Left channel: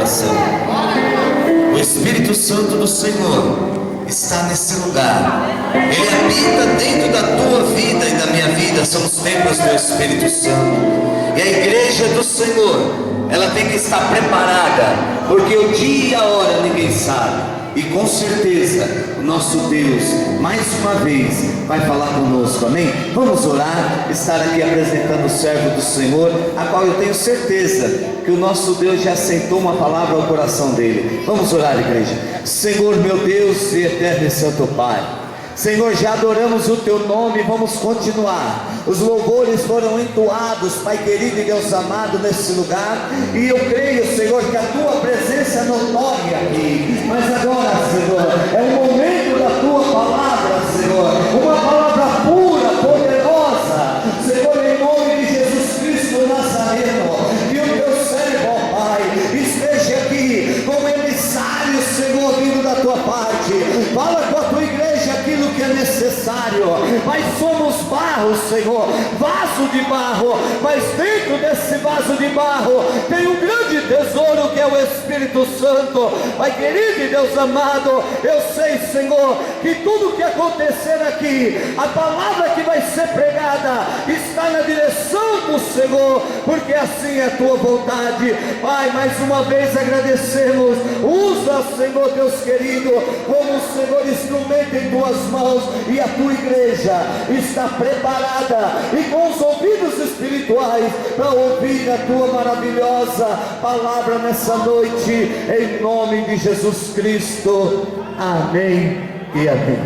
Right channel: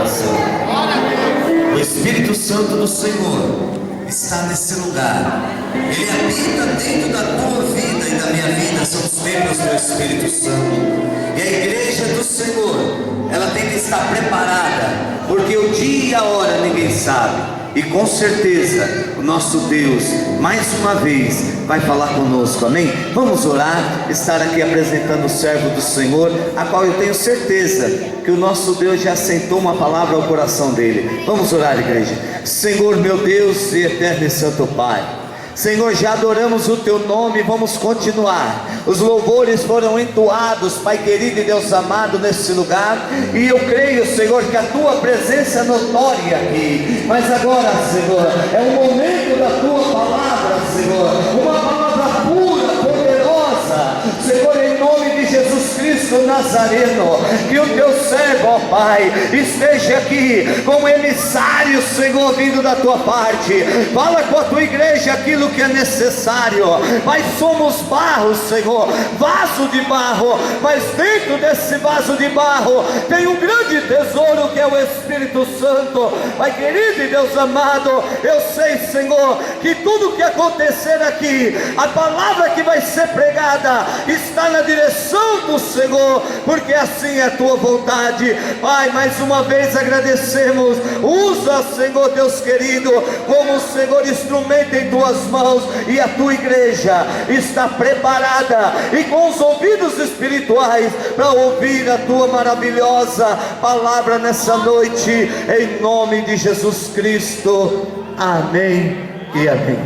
coração. O Espírito Santo do Senhor está nesse lugar. Ele habita dentro da tua vida e da minha vida. São os templos do Espírito Santo. E a igreja do Senhor, ela tem que estar preparada, porque o dia e a hora ninguém sabe. E com certeza o nosso Deus mais uma vez vai falar conosco, amém? Vamos orar, estar aqui apresentando o servo do Senhor, a qual eu tenho certeza que o nosso Deus já assentou uma palavra ao coração dele. Vamos orar, igreja. Senhor, meu Deus e eterno e santo Pai, Senhor, já adoramos o teu nome, vamos continuar. Os louvores foram entoados, Pai querido e Deus amado, nesse lugar, e eu creio, Senhor, que a tua presença é notória aqui. Mas agora, Senhor, é o momento da tua palavra, Senhor, uma palavra pura, poderosa, Senhor, em nome de Jesus Cristo Nazareno. Que o teu servo, ó Pai, esteja aqui como emissário, Senhor, vindo da tua parte. Fala com a tua igreja aquilo que é necessário. Pai, somos barro, Senhor, vaso de barro, mas dentro desse vaso de barro tem um grande tesouro que é o Espírito Santo. Pai querido e Deus amado, eu sei, Senhor, que tudo que acontecer aqui, a palavra que vai ser pregada está na direção do Senhor, porque assim é a tua vontade. Pai, mais uma vez agradecemos. Usa, Senhor Deus querido, como, Senhor, instrumento em tuas mãos, e a tua igreja está preparada e com os ouvidos espirituais para ouvir a tua maravilhosa palavra nessa noite, em nome de Jesus Cristo. Amém e amém.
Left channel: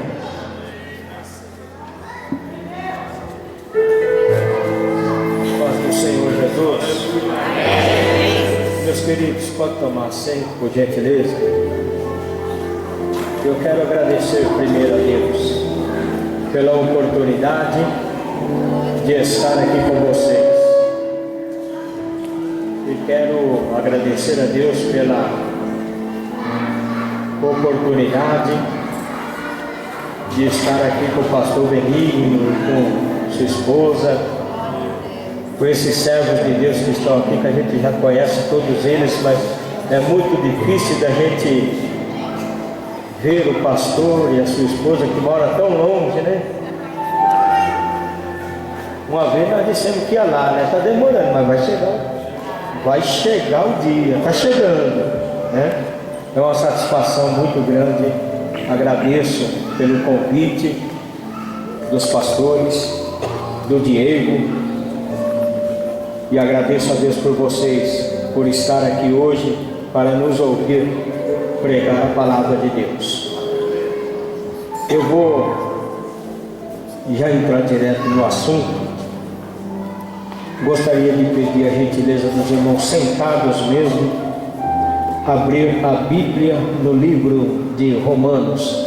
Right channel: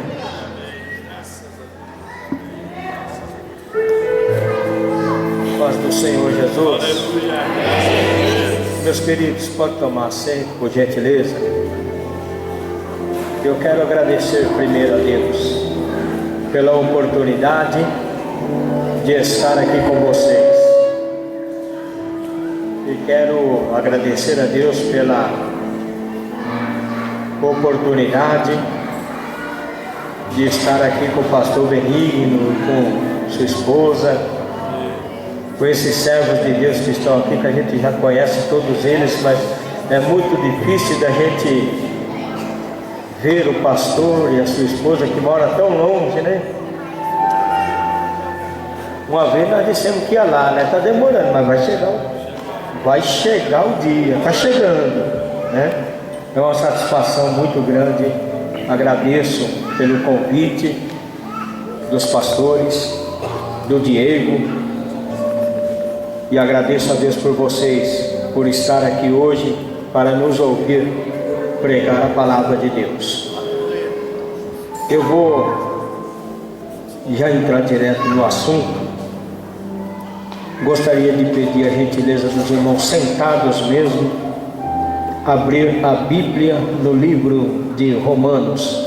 Paz do Senhor Jesus. Meus queridos, pode tomar assento, por gentileza. Eu quero agradecer primeiro a Deus pela oportunidade de estar aqui com vocês, e quero agradecer a Deus pela oportunidade de estar aqui com o pastor Benigno, com sua esposa, com esses servos de Deus que estão aqui, que a gente já conhece todos eles, mas é muito difícil da gente ver o pastor e a sua esposa que mora tão longe, né? Uma vez nós dissemos que ia lá, né? Está demorando, mas vai chegar o dia, está chegando, né? É uma satisfação muito grande. Agradeço pelo convite dos pastores, do Diego, e agradeço a Deus por vocês, por estar aqui hoje para nos ouvir pregar a palavra de Deus. Eu vou já entrar direto no assunto. Gostaria de pedir a gentileza dos irmãos sentados mesmo, abrir a Bíblia no livro de Romanos.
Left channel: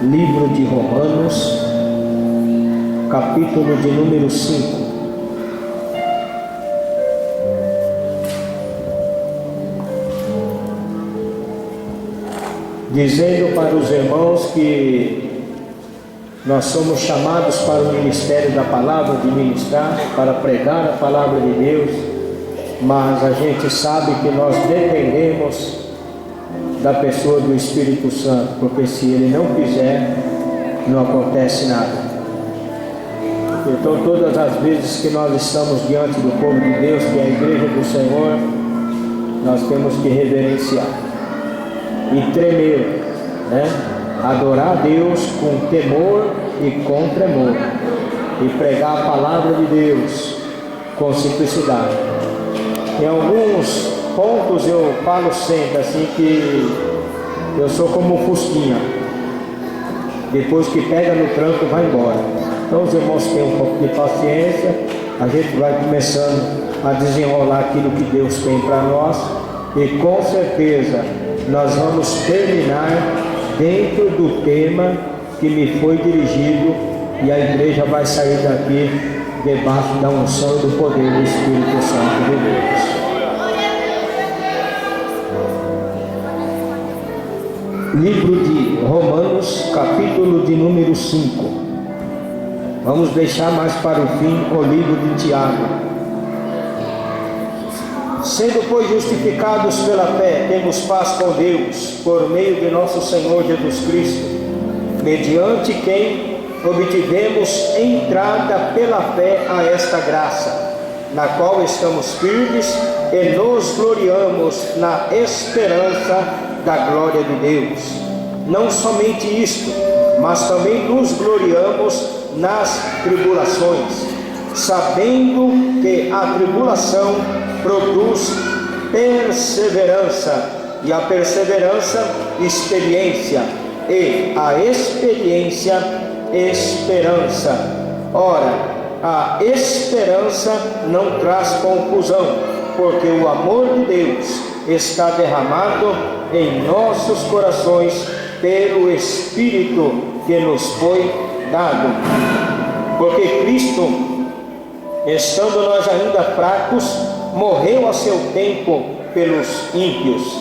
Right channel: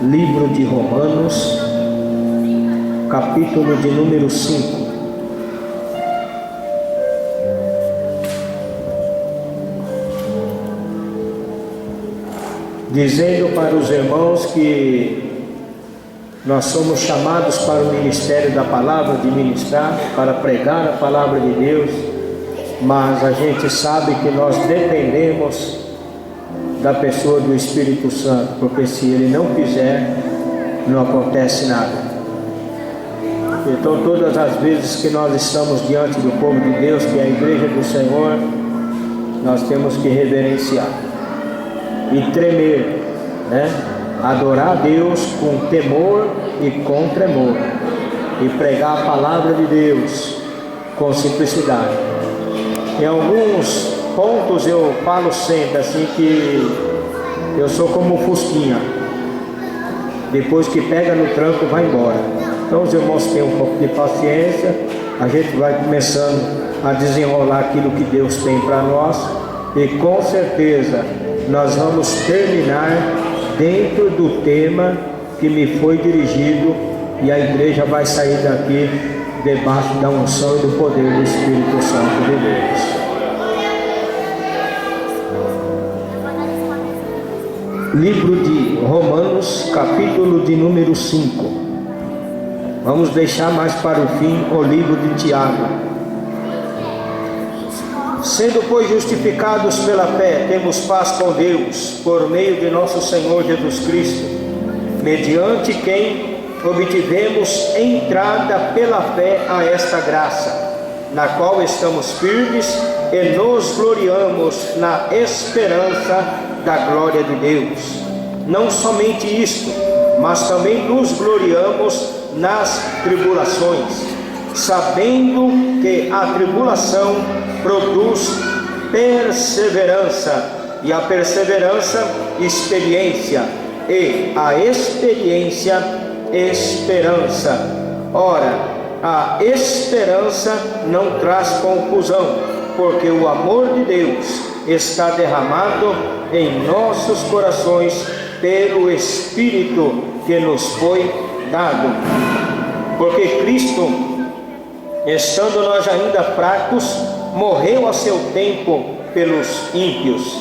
Livro de Romanos, capítulo de número 5. Dizendo para os irmãos que nós somos chamados para o ministério da palavra, de ministrar, para pregar a palavra de Deus, mas a gente sabe que nós dependemos da pessoa do Espírito Santo, porque se Ele não quiser, não acontece nada. Então, todas as vezes que nós estamos diante do povo de Deus, que é a igreja do Senhor, nós temos que reverenciar e tremer, né? Adorar a Deus com temor e com tremor, e pregar a palavra de Deus com simplicidade. Em alguns pontos eu falo sempre assim, que eu sou como um fusquinha, depois que pega no tranco vai embora. Então os irmãos têm um pouco de paciência, a gente vai começando a desenrolar aquilo que Deus tem para nós, e com certeza nós vamos terminar dentro do tema que me foi dirigido, e a igreja vai sair daqui debaixo da unção e do poder do Espírito Santo de Deus. Livro de Romanos, capítulo de número 5. Vamos deixar mais para o fim o livro de Tiago. Sendo, pois, justificados pela fé, temos paz com Deus, por meio de nosso Senhor Jesus Cristo, mediante quem obtivemos entrada pela fé a esta graça, na qual estamos firmes e nos gloriamos na esperança da glória de Deus. Não somente isto, mas também nos gloriamos nas tribulações, sabendo que a tribulação produz perseverança, e a perseverança, experiência, e a experiência, esperança. Ora, a esperança não traz confusão, porque o amor de Deus está derramado em nossos corações pelo Espírito que nos foi dado. Porque Cristo, estando nós ainda fracos, morreu a seu tempo pelos ímpios.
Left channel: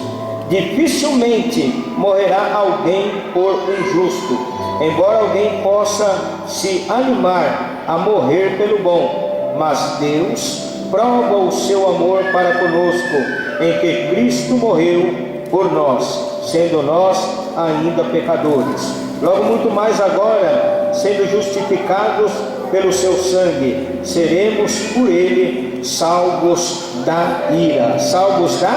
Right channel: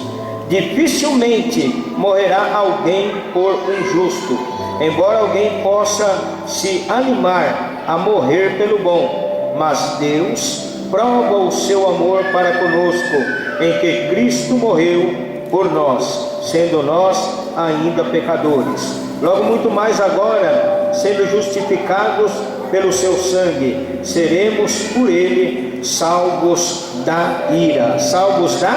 Dificilmente morrerá alguém por um justo, embora alguém possa se animar a morrer pelo bom. Mas Deus prova o seu amor para conosco, em que Cristo morreu por nós, sendo nós ainda pecadores. Logo muito mais agora, sendo justificados pelo seu sangue, seremos por ele salvos da ira. Salvos da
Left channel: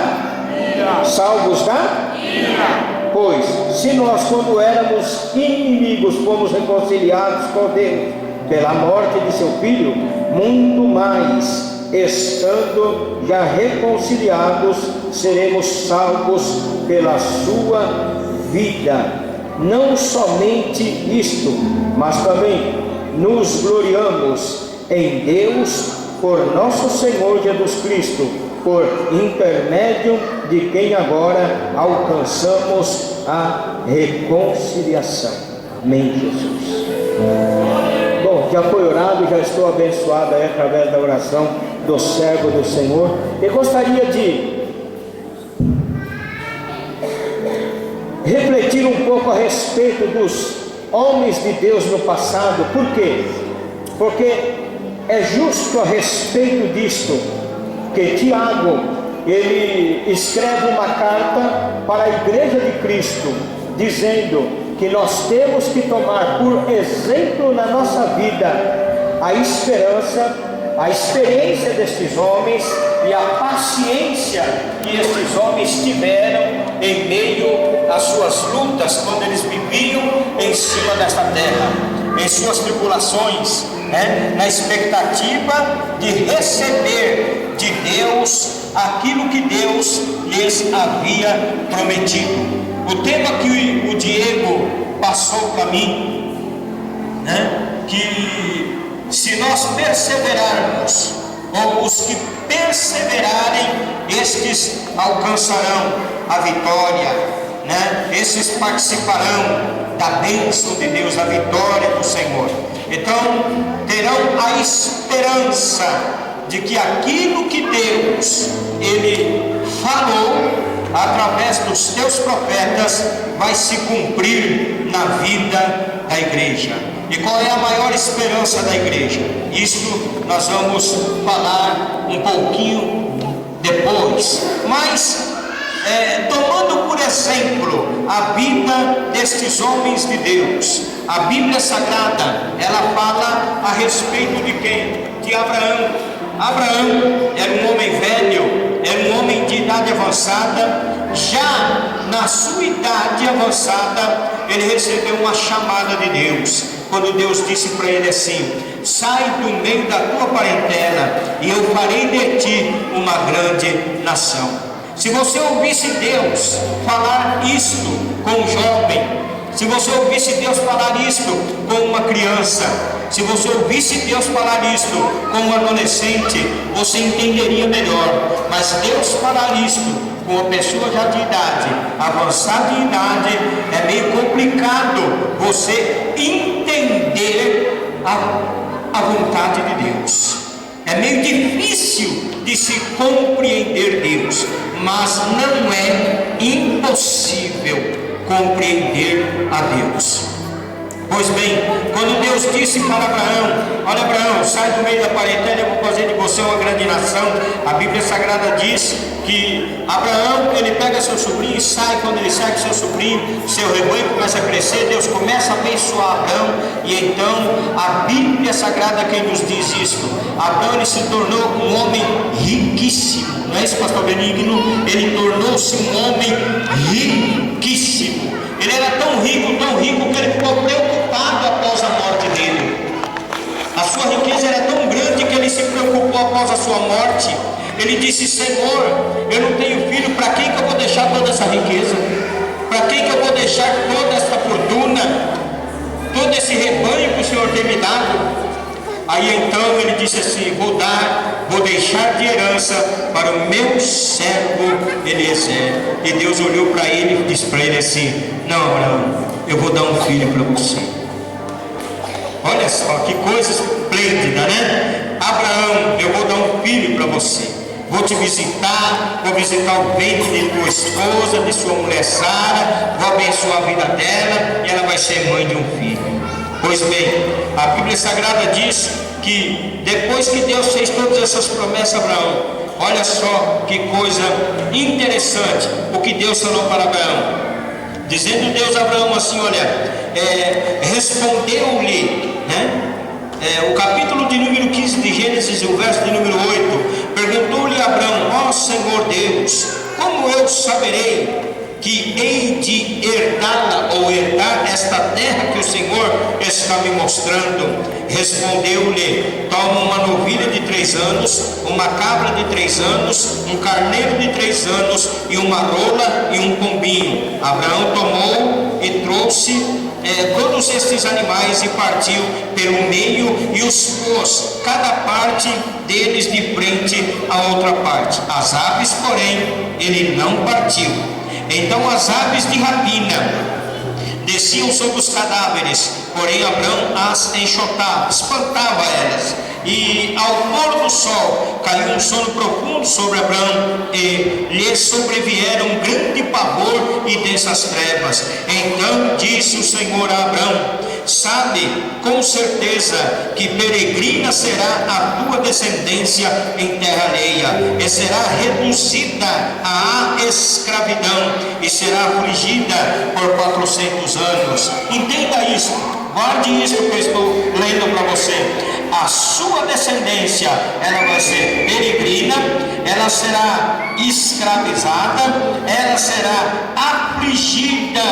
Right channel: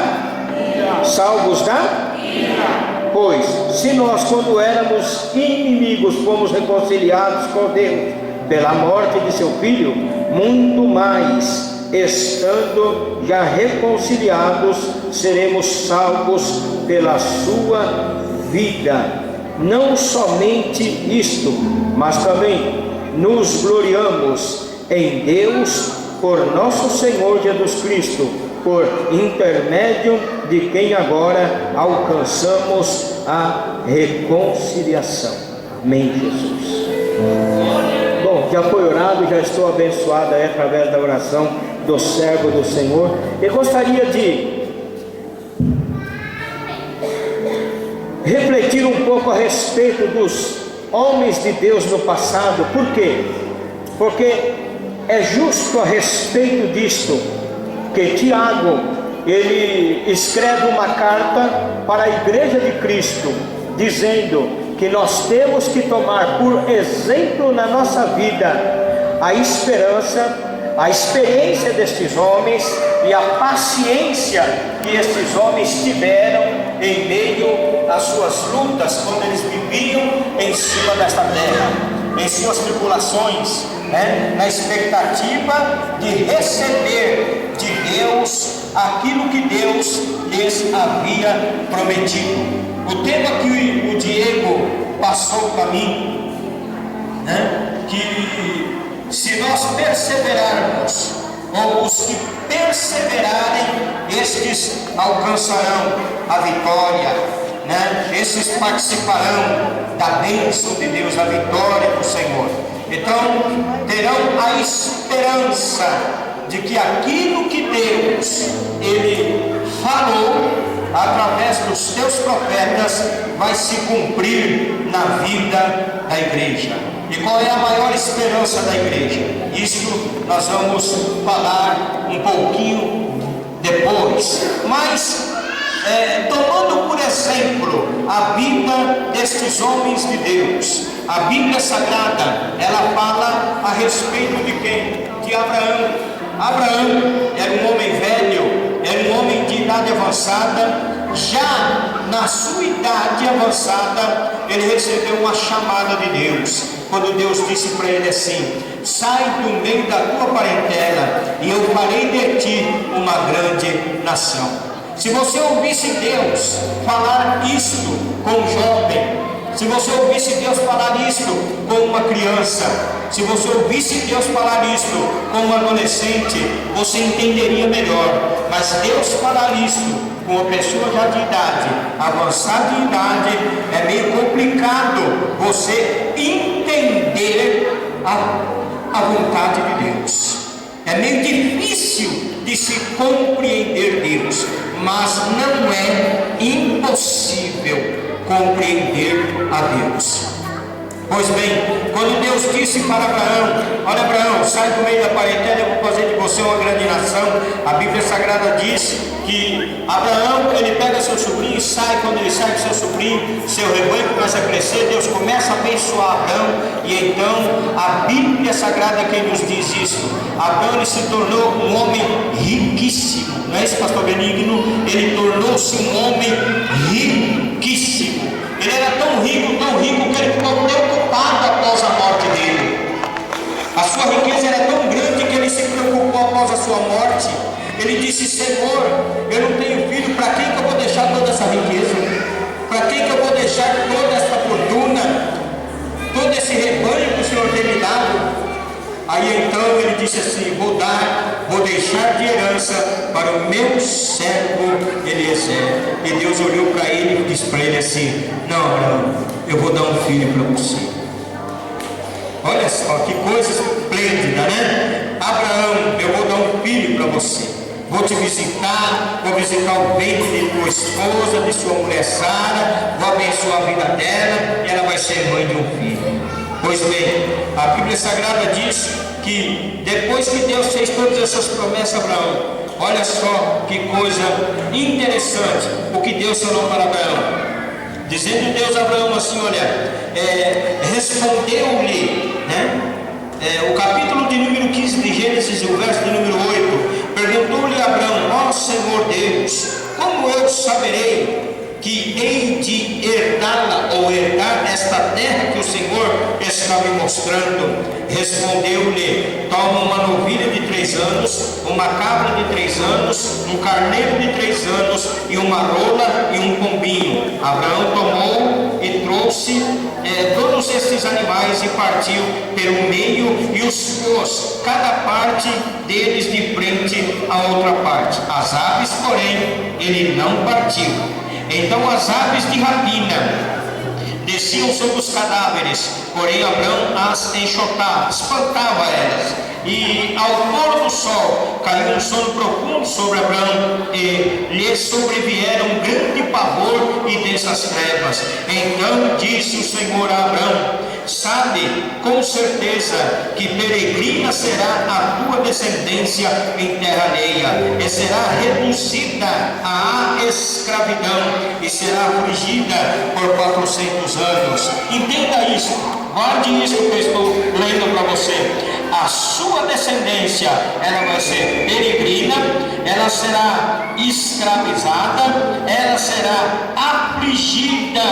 ira. Salvos da ira. Pois, se nós, quando éramos inimigos, fomos reconciliados com Deus pela morte de seu Filho, muito mais, estando já reconciliados, seremos salvos pela sua vida. Não somente isto, mas também nos gloriamos em Deus por nosso Senhor Jesus Cristo, por intermédio de quem agora alcançamos a reconciliação. Amém, Jesus. Bom, já foi orado, já estou abençoado aí através da oração do servo do Senhor. Eu gostaria de refletir um pouco a respeito dos homens de Deus no passado. Por quê? Porque é justo a respeito disto que Tiago, ele escreve uma carta para a igreja de Cristo, dizendo que nós temos que tomar por exemplo na nossa vida a esperança, a experiência destes homens e a paciência que estes homens tiveram em meio às suas lutas, quando eles viviam em cima desta terra, em suas tribulações, na expectativa de receber de Deus aquilo que Deus lhes havia prometido. O tema que o Diego passou para mim, que se nós perseverarmos, ou os que perseverarem, estes alcançarão a vitória, esses participarão da bênção de Deus, da vitória do Senhor. Então terão a esperança de que aquilo que Deus ele falou através dos teus profetas vai se cumprir na vida da igreja. E qual é a maior esperança da igreja? Isso nós vamos falar um pouquinho depois. Mas tomando por exemplo a vida destes homens de Deus, a Bíblia Sagrada, ela fala a respeito de quem? De Abraão. Abraão era um homem velho, era um homem de idade avançada. Já na sua idade avançada, ele recebeu uma chamada de Deus, quando Deus disse para ele assim: sai do meio da tua parentela e eu farei de ti uma grande nação. Se você ouvisse Deus falar isto com um jovem, se você ouvisse Deus falar isto com uma criança, se você ouvisse Deus falar isto com um adolescente, você entenderia melhor. Mas Deus falar isto com uma pessoa já de idade, avançada em idade, é meio complicado você entender a vontade de Deus. É meio difícil de se compreender Deus, mas não é impossível compreender a Deus. Pois bem, quando Deus disse para Abraão: olha, Abraão, sai do meio da parentela, eu vou fazer de você uma grande nação. A Bíblia Sagrada diz que Abraão, ele pega seu sobrinho e sai. Quando ele sai com seu sobrinho, seu rebanho começa a crescer, Deus começa a abençoar Abraão. E então a Bíblia Sagrada quem nos diz isso: Abraão, ele se tornou um homem riquíssimo. Não é isso, pastor Benigno? Ele tornou-se um homem riquíssimo. Ele era tão rico que ele ficou preocupado após a morte dele. A sua riqueza era tão grande que ele se preocupou após a sua morte. Ele disse: Senhor, eu não tenho filho, para quem que eu vou deixar toda essa riqueza? Para quem que eu vou deixar toda essa fortuna? Todo esse rebanho que o Senhor tem me dado? Aí então ele disse assim: vou deixar de herança para o meu servo Eliezer. E Deus olhou para ele e disse para ele assim: não, Abraão, eu vou dar um filho para você. Olha só que coisa esplêndida, né? Abraão, eu vou dar um filho para você. Vou te visitar, vou visitar o ventre de tua esposa, de sua mulher Sara, vou abençoar a vida dela e ela vai ser mãe de um filho. Pois bem, a Bíblia Sagrada diz que depois que Deus fez todas essas promessas a Abraão, olha só que coisa interessante o que Deus falou para Abraão. Dizendo Deus a Abraão assim: olha, respondeu-lhe, né? O capítulo de número 15 de Gênesis, o verso de número 8, perguntou-lhe Abraão: ó Senhor Deus, como eu saberei que hei de herdá-la ou herdar esta terra que o Senhor está me mostrando? Respondeu-lhe: toma uma novilha de 3 anos, uma cabra de 3 anos, um carneiro de 3 anos, e uma rola e um pombinho. Abraão tomou e trouxe todos estes animais e partiu pelo meio e os pôs cada parte deles de frente à outra parte. As aves, porém, ele não partiu. Então as aves de rapina desciam sobre os cadáveres, porém Abraão as enxotava, espantava elas. E ao pôr do sol caiu um sono profundo sobre Abraão, e lhe sobrevieram um grande pavor e densas trevas. Então disse o Senhor a Abraão: sabe com certeza que peregrina será a tua descendência em terra alheia, e será reduzida à escravidão, e será afligida por 400 anos. Entenda isso, guarde isso que eu estou lendo para você. A sua descendência, ela vai ser peregrina, ela será escravizada, ela será afligida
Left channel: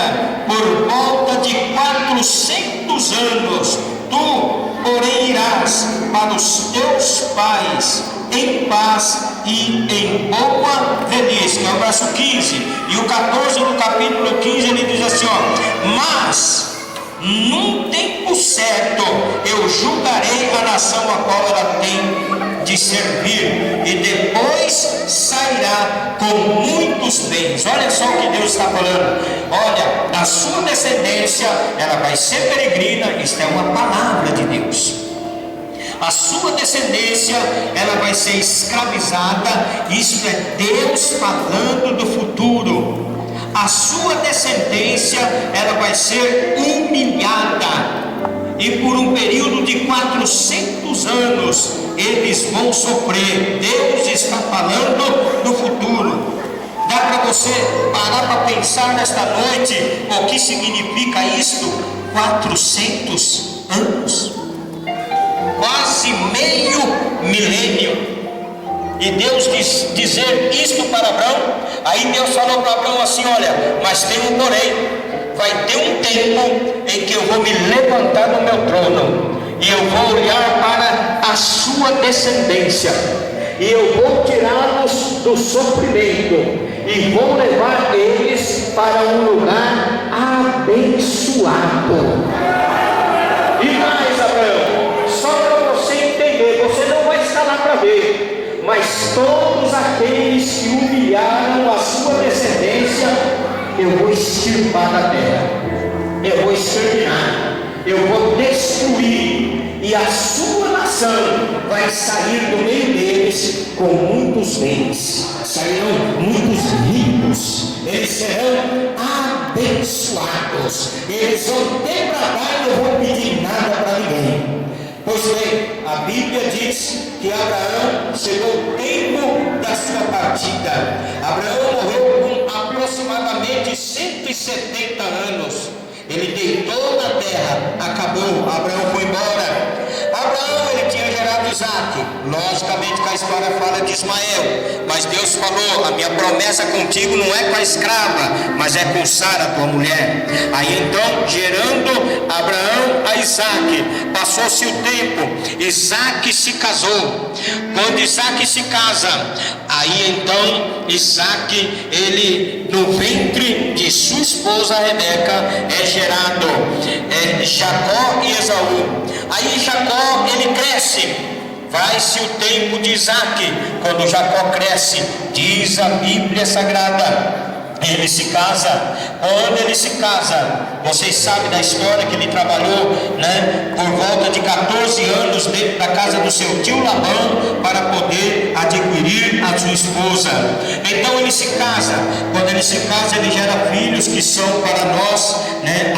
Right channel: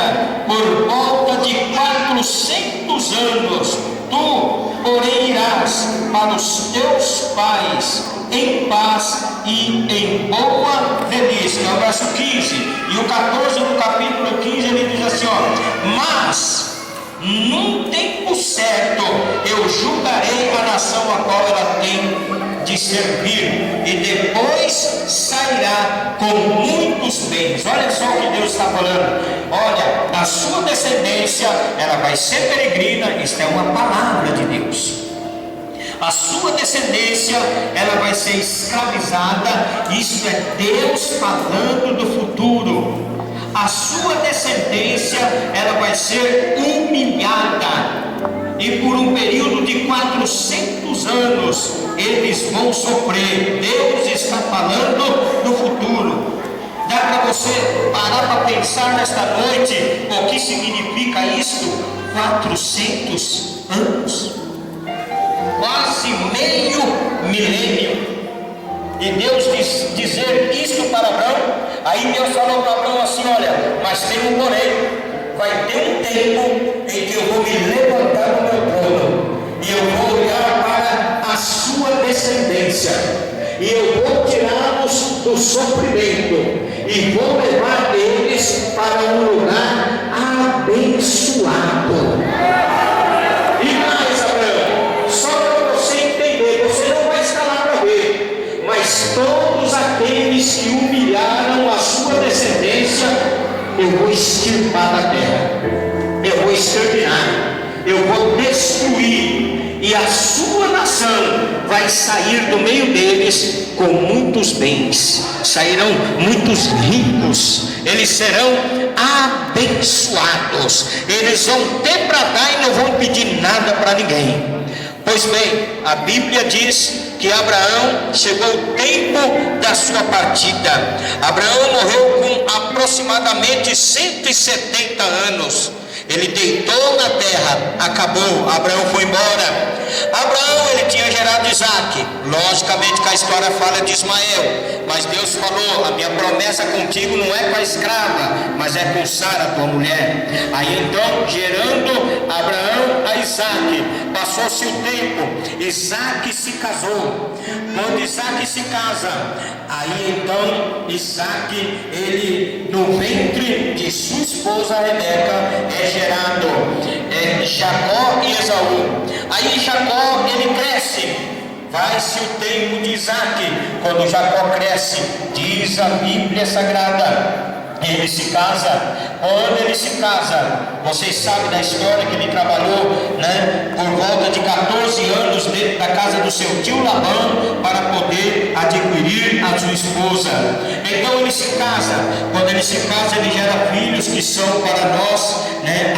por volta de 400 anos. Tu, porém, irás para os teus pais em paz e em boa velhice. É o verso 15. E o 14 do capítulo 15 ele diz assim: ó, mas num tempo certo eu julgarei a nação a qual ela tem de servir, e depois sairá com muitos bens. Olha só o que Deus está falando. Olha, a sua descendência, ela vai ser peregrina. Isto é uma palavra de Deus. A sua descendência, ela vai ser escravizada. Isto é Deus falando do futuro. A sua descendência, ela vai ser humilhada, e por um período de 400 anos eles vão sofrer. Deus está falando do futuro. Dá para você parar para pensar nesta noite o que significa isto? 400 anos, quase meio milênio. E Deus dizer isto para Abraão. Aí Deus falou para Abraão assim: olha, mas tem um porém. Vai ter um tempo em que eu vou me levantar no meu trono, e eu vou olhar para a sua descendência, e eu vou tirá-los do sofrimento, e vou levar eles para um lugar abençoado. E mais, Abraão, só para você entender, você não vai estar lá para ver, mas todos aqueles que humilharam a sua descendência, eu vou extirpar da terra, eu vou exterminar, eu vou destruir, e a sua nação vai sair do meio deles deles com muitos bens, sairão muitos ricos, eles serão abençoados, eles vão ter para dar e não vão pedir nada para ninguém. Pois bem, a Bíblia diz que Abraão chegou o tempo da sua partida. Abraão morreu com aproximadamente 170 anos. Ele deitou na terra, acabou, Abraão foi embora. Abraão, ele tinha gerado Isaac. Logicamente que a história fala de Ismael, mas Deus falou: a minha promessa contigo não é com a escrava, mas é com Sara, tua mulher. Aí então, gerando Abraão a Isaac, passou-se o tempo, Isaac se casou. Quando Isaac se casa, aí então Isaac, ele no ventre de sua esposa Rebeca é gerado Jacó e Esaú. Aí Jacó, ele cresce, vai-se o tempo de Isaac. Quando Jacó cresce, diz a Bíblia Sagrada, ele se casa. Quando ele se casa, vocês sabem da história que ele trabalhou, por volta de 14 anos dentro da casa do seu tio Labão para poder adquirir a sua esposa. Então ele se casa. Quando ele se casa, ele gera filhos que são para nós,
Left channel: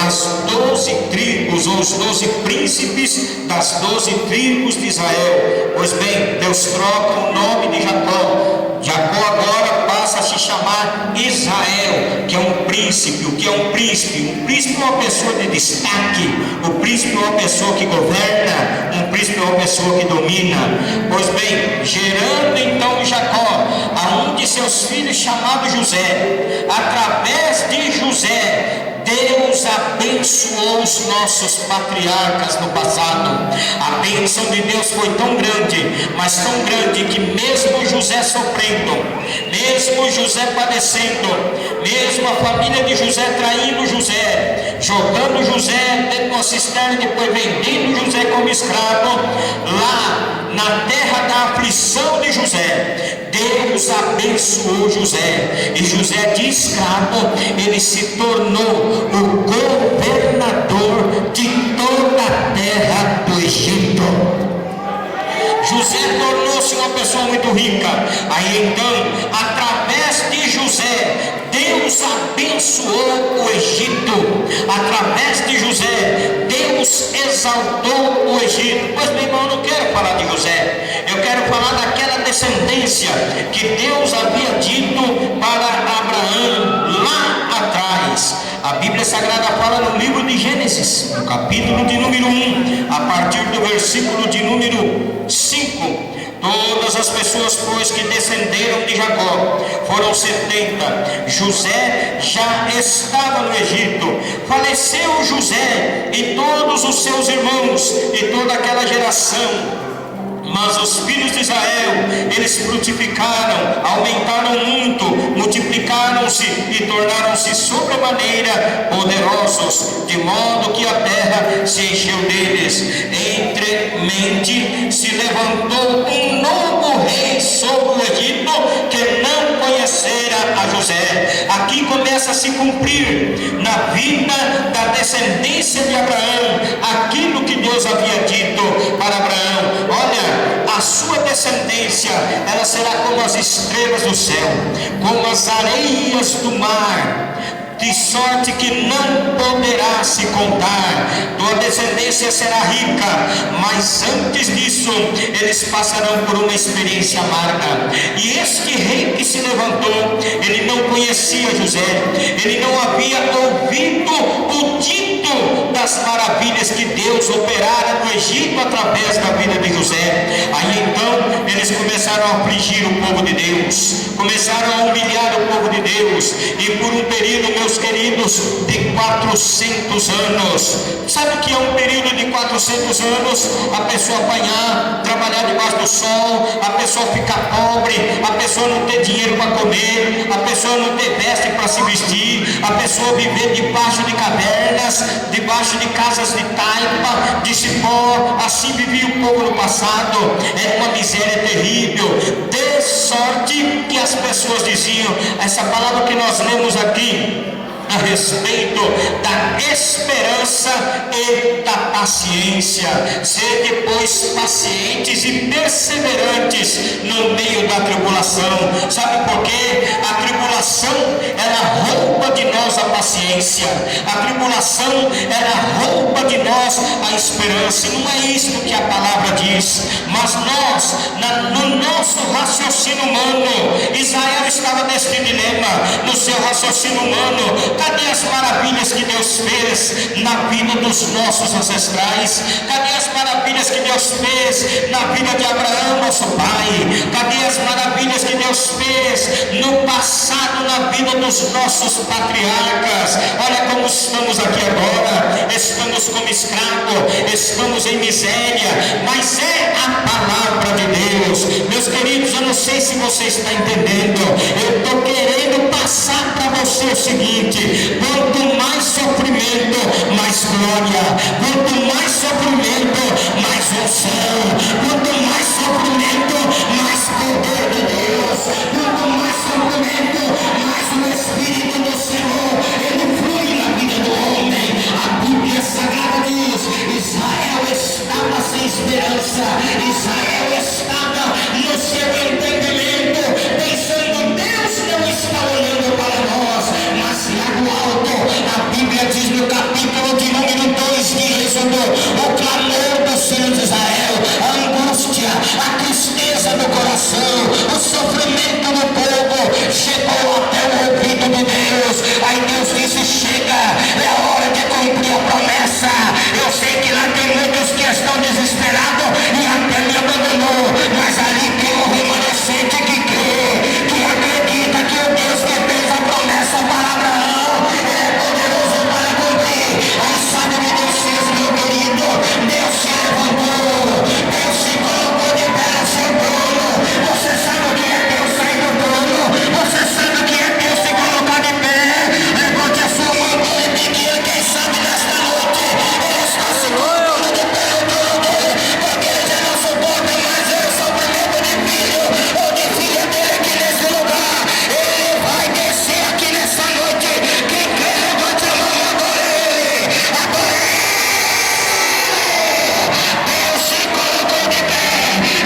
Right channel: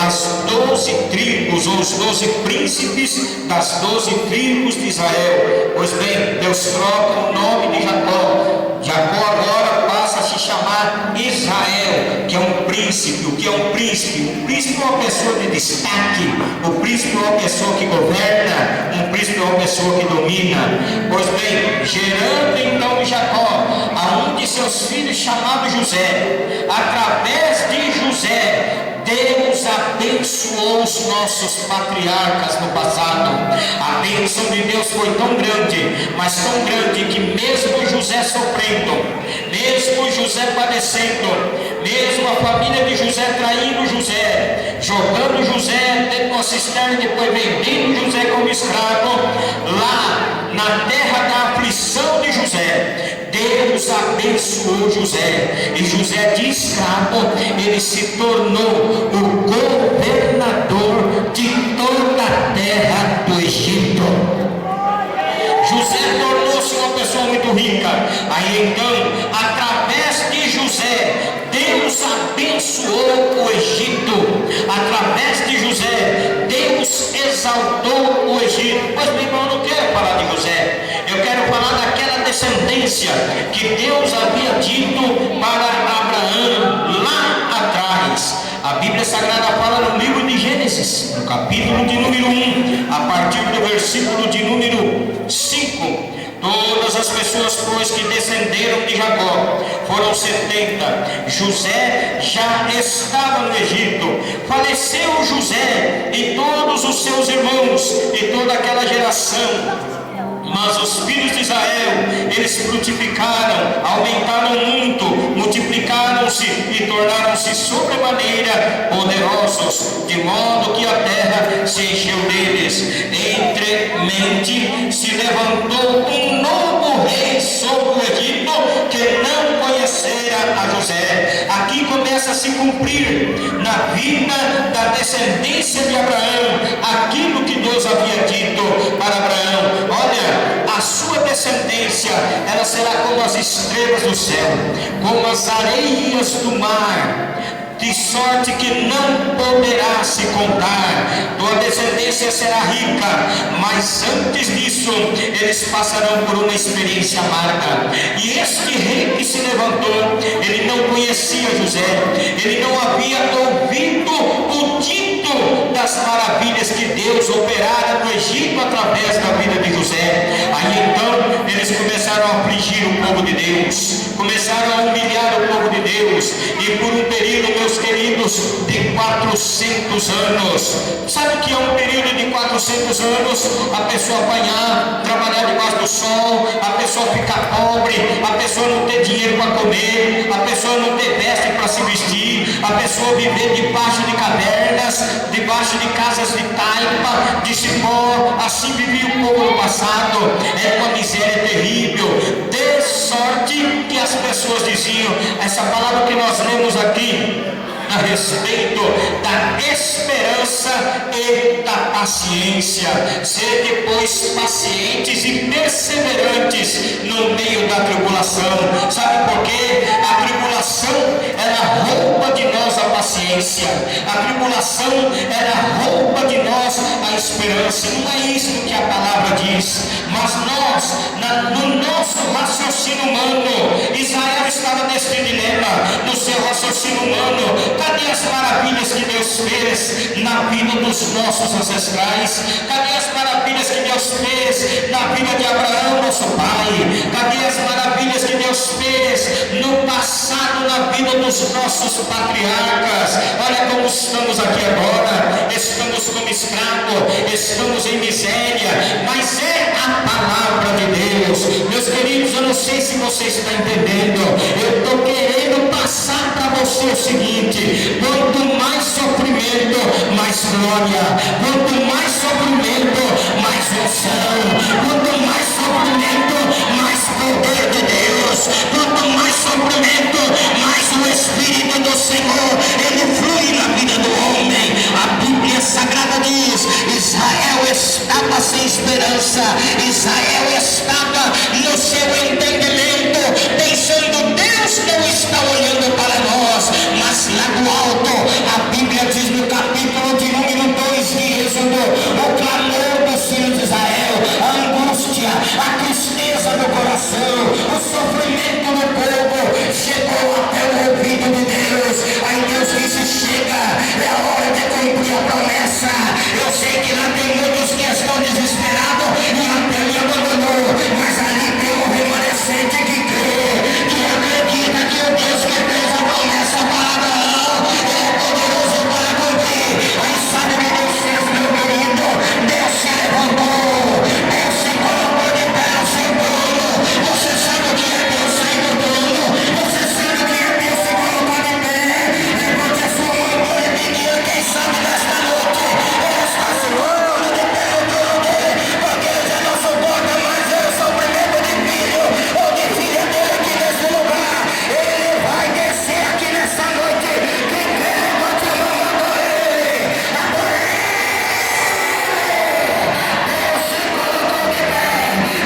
as 12 tribos ou os 12 príncipes das 12 tribos de Israel. Pois bem, Deus troca o nome de Jacó. Jacó agora passa a se chamar Israel, que é um príncipe. O que é um príncipe? Um príncipe é uma pessoa de destaque. O príncipe é uma pessoa que governa. Um príncipe é uma pessoa que domina. Pois bem, gerando então Jacó a um de seus filhos chamado José. Através de José, Deus abençoou os nossos patriarcas no passado. A bênção de Deus foi tão grande, mas tão grande, que mesmo José sofrendo, mesmo José padecendo, mesmo a família de José traindo José, jogando José dentro de uma cisterna, depois vendendo José como escravo, lá na terra da aflição de José, Deus abençoou José. E José, de escravo, ele se tornou o governador de toda a terra do Egito. José tornou-se uma pessoa muito rica. Aí então, através de José, Deus abençoou o Egito. Através de José, Deus exaltou o Egito. Pois bem, irmão, eu não quero falar de José. Eu quero falar daquela descendência que Deus havia dito para Abraão lá atrás. A Bíblia Sagrada fala no livro de Gênesis, no capítulo de número 1, a partir do versículo de número 5. Todas as pessoas, pois, que descenderam de Jacó foram 70. José já estava no Egito. Faleceu José e todos os seus irmãos e toda aquela geração. Mas os filhos de Israel, eles frutificaram, aumentaram muito, multiplicaram-se e tornaram-se sobremaneira poderosos, de modo que a terra se encheu deles. Entremente se levantou um novo rei sobre o Egito, que não conhecera a José. Aqui começa a se cumprir na vida da descendência de Abraão aquilo que Deus havia dito para Abraão: olha, a sua descendência, ela será como as estrelas do céu, como as areias do mar, de sorte que não poderá se contar. Tua descendência será rica, mas antes disso eles passarão por uma experiência amarga. E este rei que se levantou, ele não conhecia José, ele não havia ouvido o dito das maravilhas que Deus operara no Egito através da vida de José. Aí então eles começaram a afligir o povo de Deus, começaram a humilhar o povo de Deus, e por um período, meus queridos, de 400 anos. Sabe o que é um período de 400 anos? A pessoa apanhar, trabalhar debaixo do sol, a pessoa ficar pobre, a pessoa não ter dinheiro para comer, a pessoa não ter veste para se vestir, a pessoa viver debaixo de cavernas, debaixo de casas de taipa, de cipó. Assim vivia o povo no passado. Era uma miséria terrível, de sorte que as pessoas diziam, essa palavra que nós lemos aqui, a respeito da esperança e da paciência. Sede, pois, pacientes e perseverantes no meio da tribulação. Sabe por quê? A tribulação, ela rouba de nós a paciência. A tribulação, ela rouba de nós a esperança. E não é isso que a palavra diz. Mas nós, no nosso raciocínio humano, Israel estava neste dilema, no seu raciocínio humano. Cadê as maravilhas que Deus fez na vida dos nossos ancestrais? Cadê as maravilhas que Deus fez na vida de Abraão, nosso pai? Cadê as maravilhas que Deus fez no passado, na vida dos nossos patriarcas? Olha como estamos aqui agora. Estamos como escravos, estamos em miséria, mas é a palavra de Deus. Meus queridos, eu não sei se você está entendendo. Eu estou querendo passar para você o seguinte: quanto mais sofrimento, mais glória. Quanto mais sofrimento, mais unção. Quanto mais sofrimento, mais poder de Deus. Quanto mais sofrimento, mais o Espírito do Senhor, ele flui na vida do homem. A Bíblia Sagrada diz: Israel estava sem esperança, Israel estava no seu entendimento, pensando: Deus não está olhando para nós. Mas lá no alto, a Bíblia diz no capítulo de número 2 de Êxodo, o clamor dos filhos de Israel, a angústia, a tristeza do coração, o sofrimento do povo chegou até o ouvido de Deus. Aí Deus disse: chega, é a hora de cumprir a promessa. Eu sei que lá tem muitos que estão desesperados e até me abandonou, mas ali tem um remanescente que crê, que acredita que o Deus que fez a promessa para Abraão é poderoso para cumprir. Aí sabe o que Deus fez, meu querido? Deus se levantou, Deus se colocou de pé no seu trono. Você sabe o que é Deus sair do trono? Você sabe o que é Deus se colocar de pé? É porque a sua mão é pequena, quem sabe nesta noite ele está se colocando de pé no trono dele, porque ele já não suporta mais o sofrimento de filho ou de filha dele aqui nesse lugar. Ele vai descer aqui nessa noite. Quem quer, levante a mão, adore ele, adore ele. Deus se colocou de pé,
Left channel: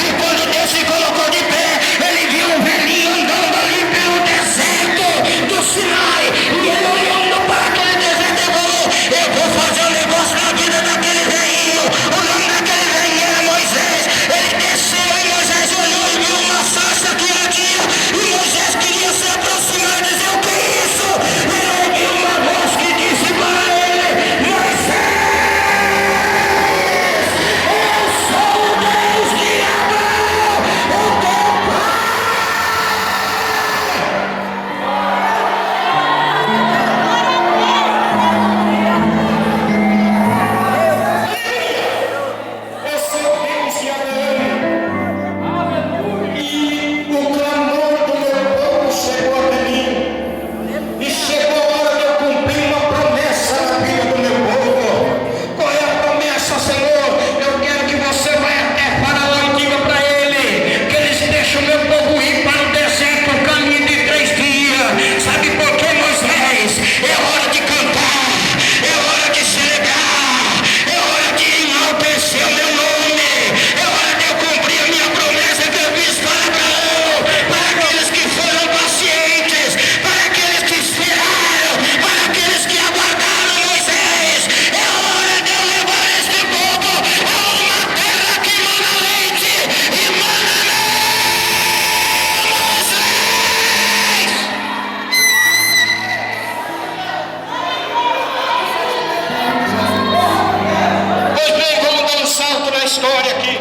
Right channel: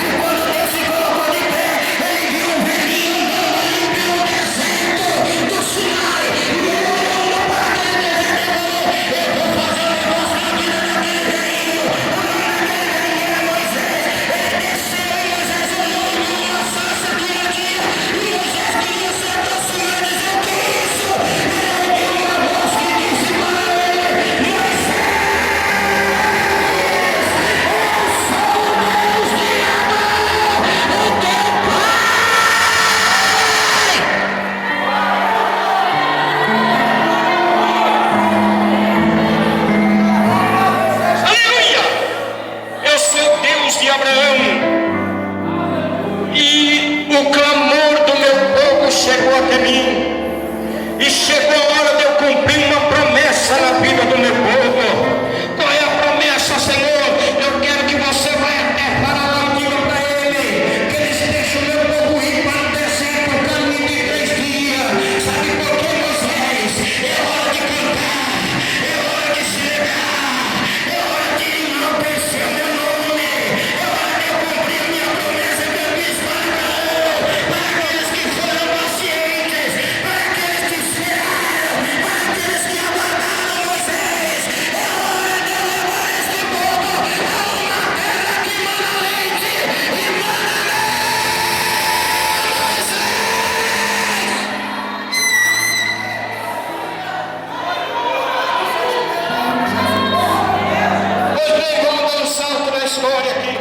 e quando Deus se colocou de pé, ele viu um velhinho andando ali pelo deserto do Sinai, e ele olhando para aquele deserto e falou: eu vou fazer um negócio na vida daquele velhinho. O nome daquele velhinho era Moisés. Ele desceu e Moisés olhou e viu uma sarça que ardia, e Moisés queria se aproximar e dizer: o que é isso? E ele viu uma voz que disse para ele: Moisés, eu sou o Deus de Abraão, o teu pai. Aleluia! Eu sou o Deus de Abraão. E o clamor do meu povo chegou até mim. E chegou a hora de eu cumprir uma promessa na vida do meu povo. Qual é a promessa, Senhor? Eu quero que você vá até Faraó e diga para ele que eles deixam o meu povo ir para o deserto, um caminho de 3 dias. Sabe por quê, Moisés? É hora de cantar, é hora de se legar, é hora de enaltecer o meu nome, é hora de eu cumprir a minha promessa que eu fiz para Abraão, para aqueles que foram pacientes, para aqueles que esperaram, para aqueles que aguardaram Moisés. É hora de eu levar este povo a uma terra que mana leite e mana mel, Moisés. Pois bem, vamos dar um salto na história aqui.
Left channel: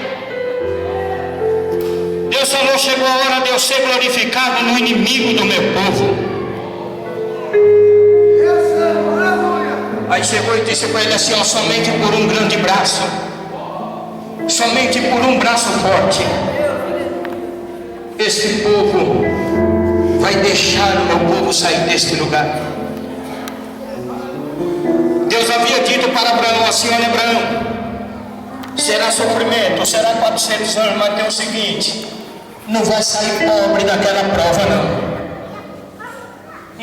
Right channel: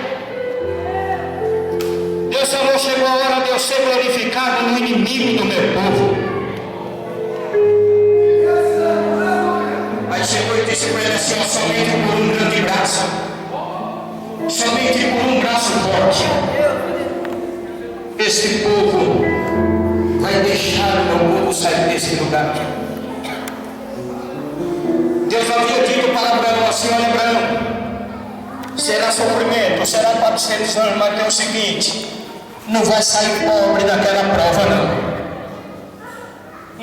Deus falou: chegou a hora de eu ser glorificado no inimigo do meu povo. Aí chegou e disse para ele assim: ó, somente por um grande braço, somente por um braço forte, esse povo vai deixar o meu povo sair deste lugar. Deus havia dito para Abraão assim: olha, Abraão, será sofrimento, será 400 anos, mas tem o seguinte: não vai sair pobre daquela prova, não.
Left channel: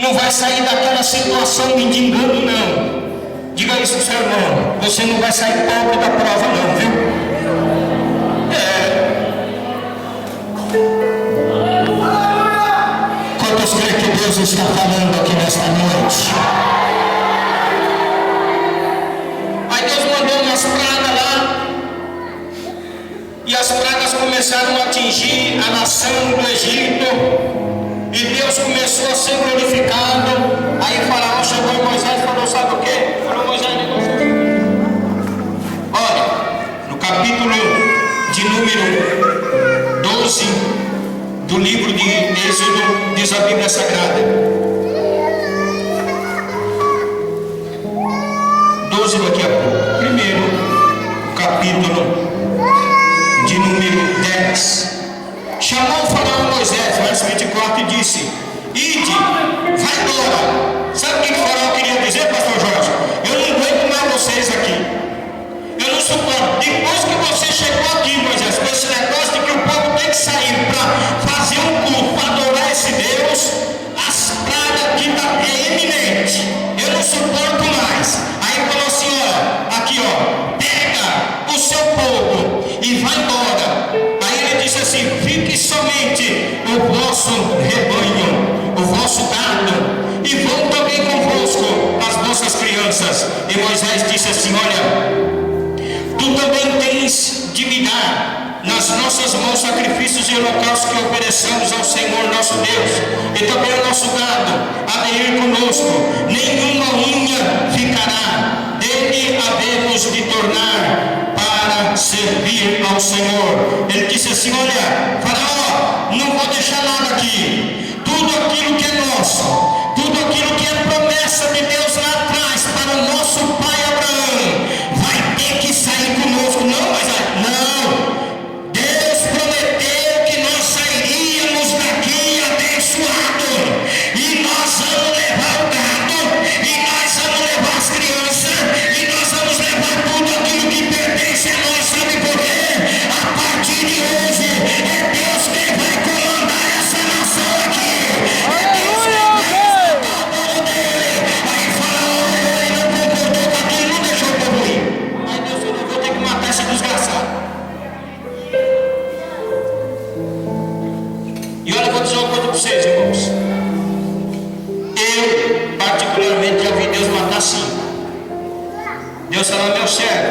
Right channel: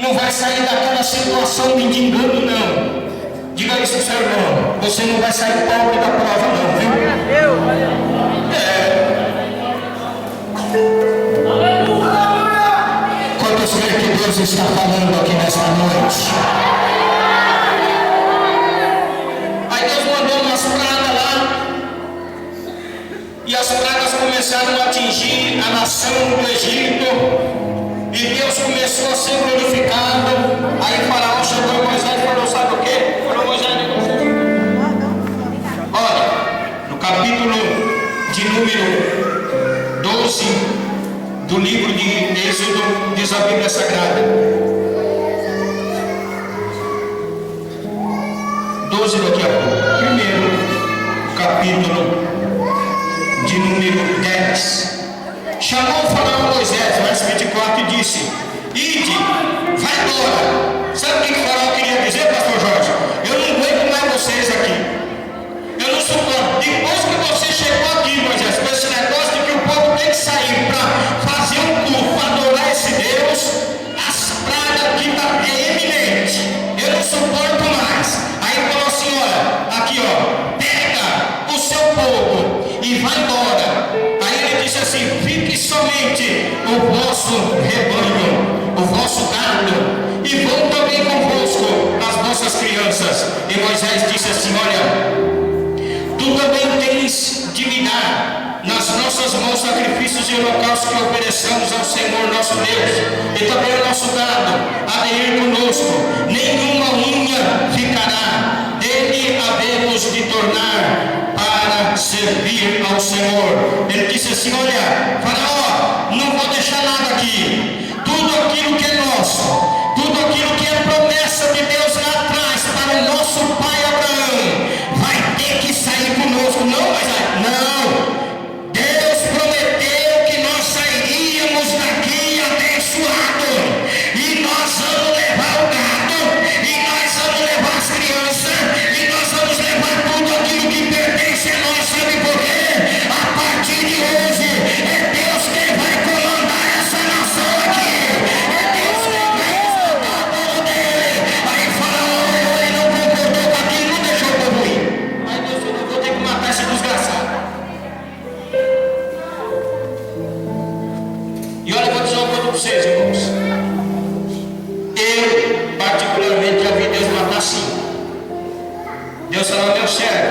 não vai sair daquela situação mendigando, não. Diga isso pro seu irmão, você não vai sair pobre da prova não, viu? Quantos creem que Deus está falando aqui nesta noite? Aí Deus mandou umas pragas lá, e as pragas começaram a atingir a nação do Egito, e Deus começou a ser glorificado. Aí Faraó chegou em Moisés e falou: sabe o que? Falou: Moisés, olha, no capítulo de número 12 do livro de Êxodo, diz a Bíblia Sagrada, 12 daqui a pouco, primeiro capítulo de número 10. Chamou o Faraó Moisés, verso 24, e disse: ide, vai embora. Sabe o que o Faraó queria dizer, pastor Jorge? Eu não aguento mais vocês aqui, eu não suporto. Depois que você chegou aqui, Moisés, com esse negócio de que o povo tem que sair para fazer um culto, para adorar esse Deus, as pragas aqui é eminente, eu não suporto mais. Aí falou assim: olha, aqui ó, pega o seu povo e vai embora. Aí ele disse assim: fique somente o vosso rebanho, o vosso gado, e vão também convosco as vossas crianças. E Moisés disse assim: olha, tu também tens de me dar nas nossas mãos sacrifícios e holocaustos que ofereçamos ao Senhor nosso Deus, e também o nosso gado há de ir conosco, nenhuma unha ficará, dele havemos de tornar para servir ao Senhor. Ele disse assim: olha, Faraó, não vou deixar nada aqui, tudo aquilo que é nosso, tudo aquilo que é promessa de Deus lá atrás para o nosso pai Abraão, vai ter que sair conosco. Não, mas não, Deus prometeu que nós sairíamos daqui abençoados, e nós vamos levar o gado, e nós vamos levar as crianças, e nós vamos levar tudo aquilo que pertence a nós. Sabe por quê? A partir de hoje é Deus quem vai comandar essa nação aqui, é Deus quem vai exaltar o povo dele. Aí Faraó ele não concordou com aquilo, não deixou o povo ir. Aí Deus falou: vou ter que matar esse desgraçado. E olha, eu vou dizer uma coisa para vocês, irmãos. Eu, particularmente, já vi Deus matar 5. Deus falou: meu servo,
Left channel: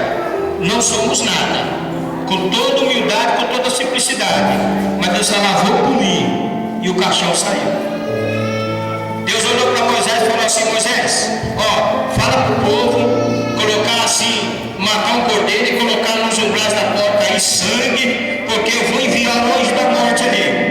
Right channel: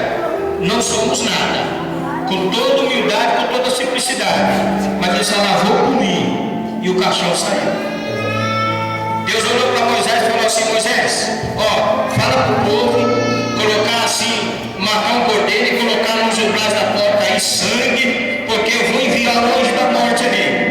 não somos nada, com toda humildade, com toda simplicidade, mas Deus falou: vou punir, e o caixão saiu. Deus olhou para Moisés e falou assim: Moisés, ó, fala para o povo colocar assim, matar um cordeiro e colocar nos umbrais da porta aí sangue, porque eu vou enviar o anjo da morte ali.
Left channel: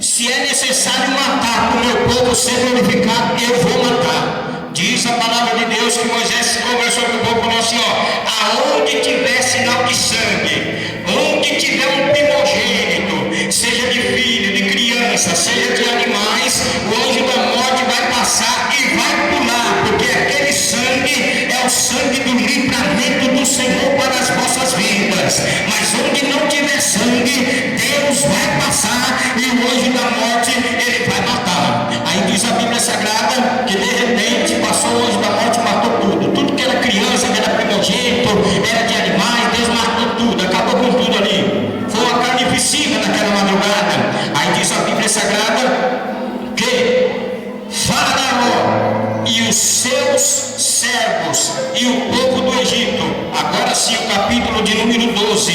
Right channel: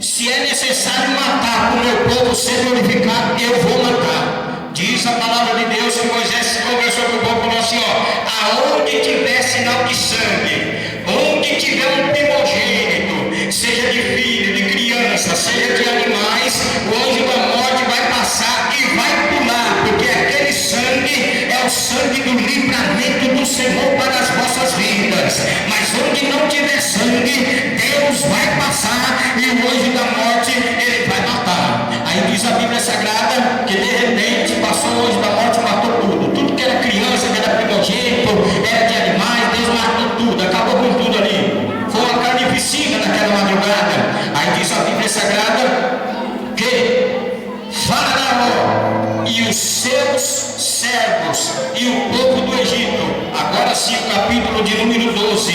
Se é necessário matar para o meu povo ser glorificado, eu vou matar. Diz a palavra de Deus que Moisés conversou com o povo e falou assim: ó, aonde tiver sinal de sangue, onde tiver um primogênito, seja de filho, de criança, seja de animais, o anjo da morte vai passar e vai pular, porque aquele sangue é o sangue do livramento do Senhor para as vossas vidas. Mas onde não tiver sangue, Deus vai passar e o anjo da morte ele vai matar. Aí diz a Bíblia Sagrada que de repente passou o anjo da morte e matou tudo que era criança, que era primogênito, era de animais. Deus matou tudo, acabou com tudo ali. Foi uma carnificina naquela madrugada. Aí diz a Bíblia Sagrada que Faraó e os seus servos e o povo do Egito, agora sim o capítulo de número 12,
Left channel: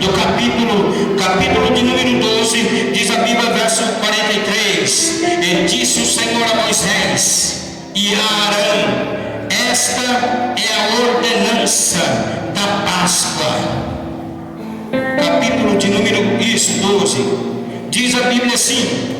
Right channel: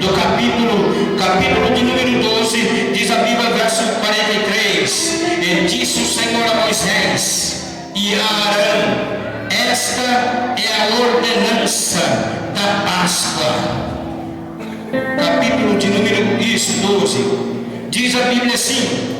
do capítulo de número 12, diz a Bíblia, verso 43, e disse o Senhor a Moisés e a Arão: esta é a ordenança da Páscoa. Capítulo de número 12, diz a Bíblia assim,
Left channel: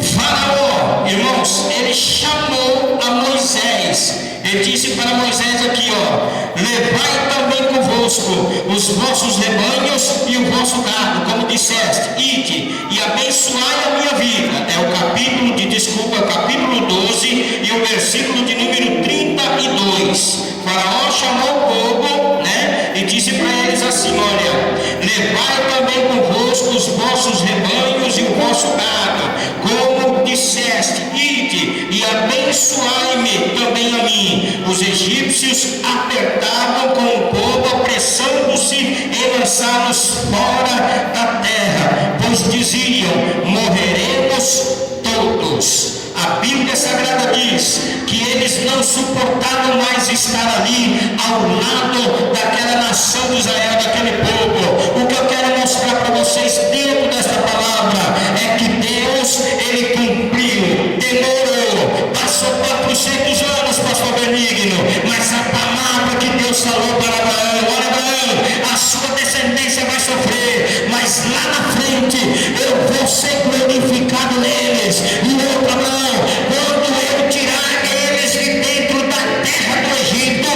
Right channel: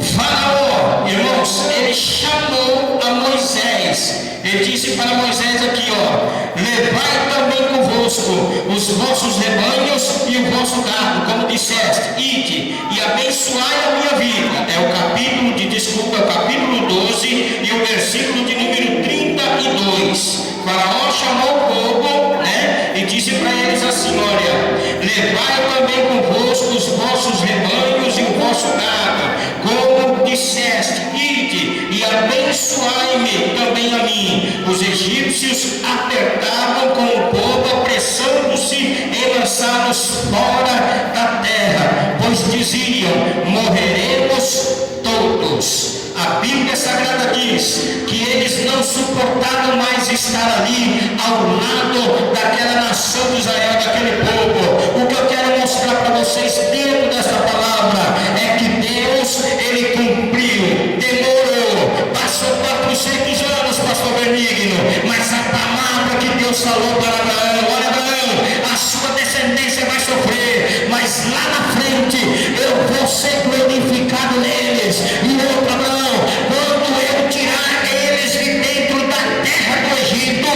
Faraó, irmãos, ele chamou a Moisés, ele disse para Moisés aqui, ó: levai também convosco os vossos rebanhos e o vosso gado, como disseste, ide e abençoai a minha vida. É o capítulo o capítulo 12 e o versículo de número 32. Faraó chamou o povo, né, e disse para eles assim: olha, levai Levai também convosco os vossos rebanhos e o vosso gado, como disseste, ide e abençoai-me também a mim. Os egípcios apertavam com o povo, apressando-se em lançá-los fora da terra, pois diziam: morreremos todos. A Bíblia Sagrada diz que eles não suportavam mais estar ali ao lado daquela nação de Israel, daquele povo. O que eu quero mostrar para vocês dentro dessa palavra é que Deus, Ele cumpriu, demorou, passou 400 anos, pastor Benigno, mas a palavra que Deus falou para Abraão: olha, Abraão, a sua descendência vai sofrer, mas lá na frente eu vou ser glorificado neles. E outro, Abraão, quando eu tirar eles de dentro da terra do Egito,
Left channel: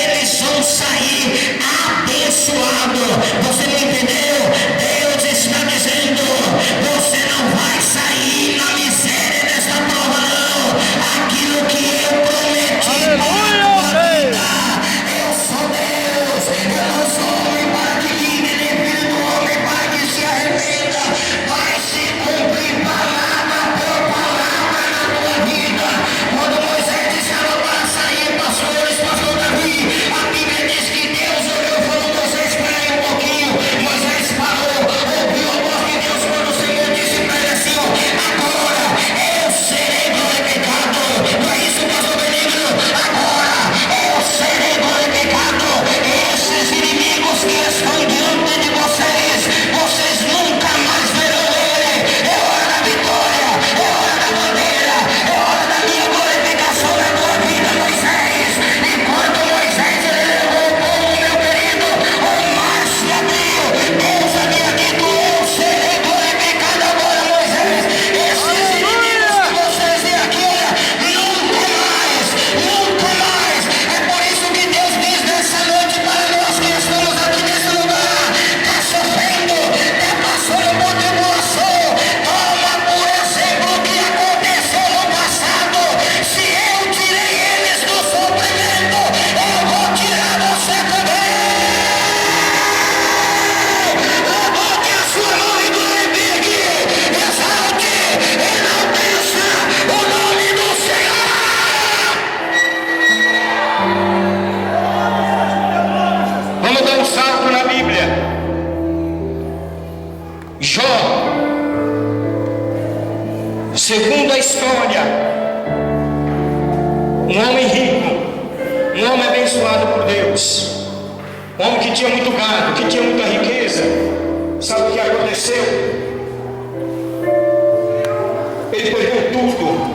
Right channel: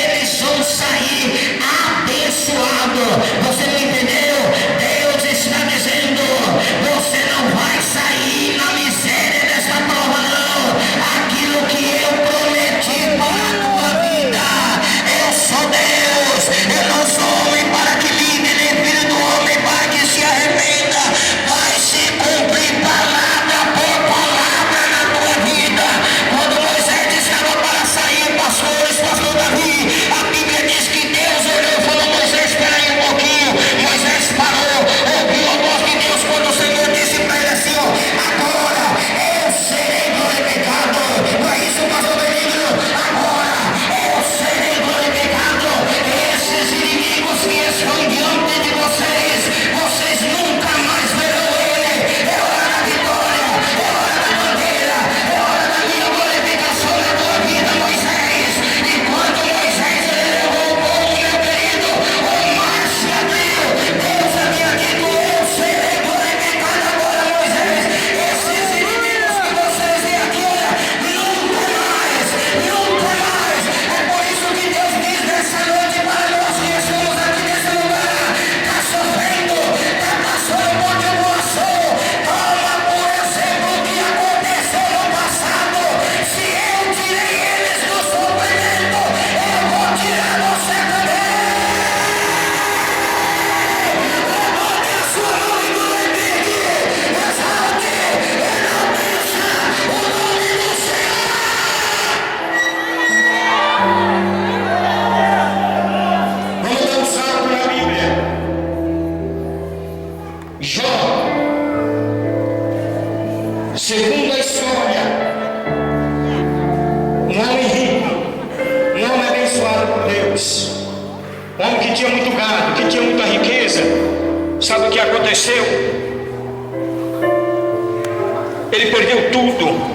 eles vão sair abençoados. Você não entendeu? Deus está dizendo: você não vai sair na miséria desta prova, não. Aquilo que eu prometi para a tua vida, eu sou Deus, eu não sou homem para que ligue, nem filho do homem para que se arrependa. Vai se cumprir palavra por palavra na tua vida. Quando Moisés estava para sair, pastor Davi, a Bíblia diz que Deus olhou e falou: Moisés, espera aí um pouquinho. Moisés parou, ouviu a voz de Deus quando o Senhor disse para ele assim: ó, agora eu serei glorificado. Não é isso, pastor Benigno? Agora eu serei glorificado. Esses inimigos que estão diante de vocês, vocês nunca mais verão ele. É hora da vitória, é hora da bandeira, é hora da minha glorificação na tua vida, Moisés. E quando Moisés levou o povo, meu querido, o mar se abriu. Deus havia dito: eu serei glorificado agora, Moisés. Esses inimigos que vocês têm aqui, olha, nunca mais, nunca mais. É por isso que Deus diz nessa noite para nós que estamos aqui nesse lugar: está sofrendo, está passando por tribulação. Toma por exemplo o que aconteceu no passado. Se eu tirei eles do sofrimento, eu vou tirar você também. Levante a sua mão e glorifique, exalte, enalteça o nome do Senhor. Vamos dar um salto na Bíblia. Jó, segundo a história, um homem rico, um homem abençoado por Deus, um homem que tinha muito gado, que tinha muita riqueza. Sabe o que aconteceu? Ele perdeu tudo.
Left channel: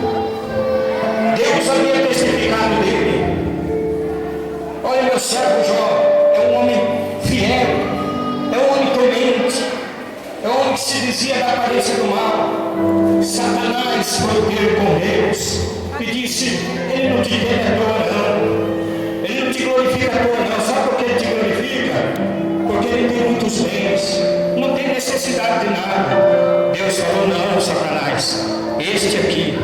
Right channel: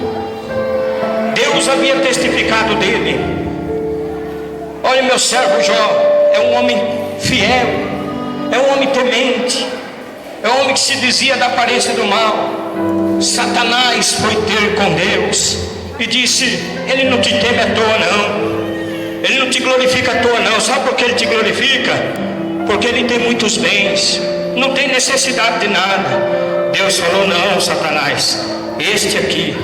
Deus havia testificado dele: olha, meu servo Jó é um homem fiel, é um homem temente, é um homem que se desvia da aparência do mal. Satanás foi ter com Deus e disse: ele não te teme à toa não, ele não te glorifica à toa não. Sabe por que ele te glorifica? Porque ele tem muitos bens, não tem necessidade de nada. Deus falou: não, Satanás, este aqui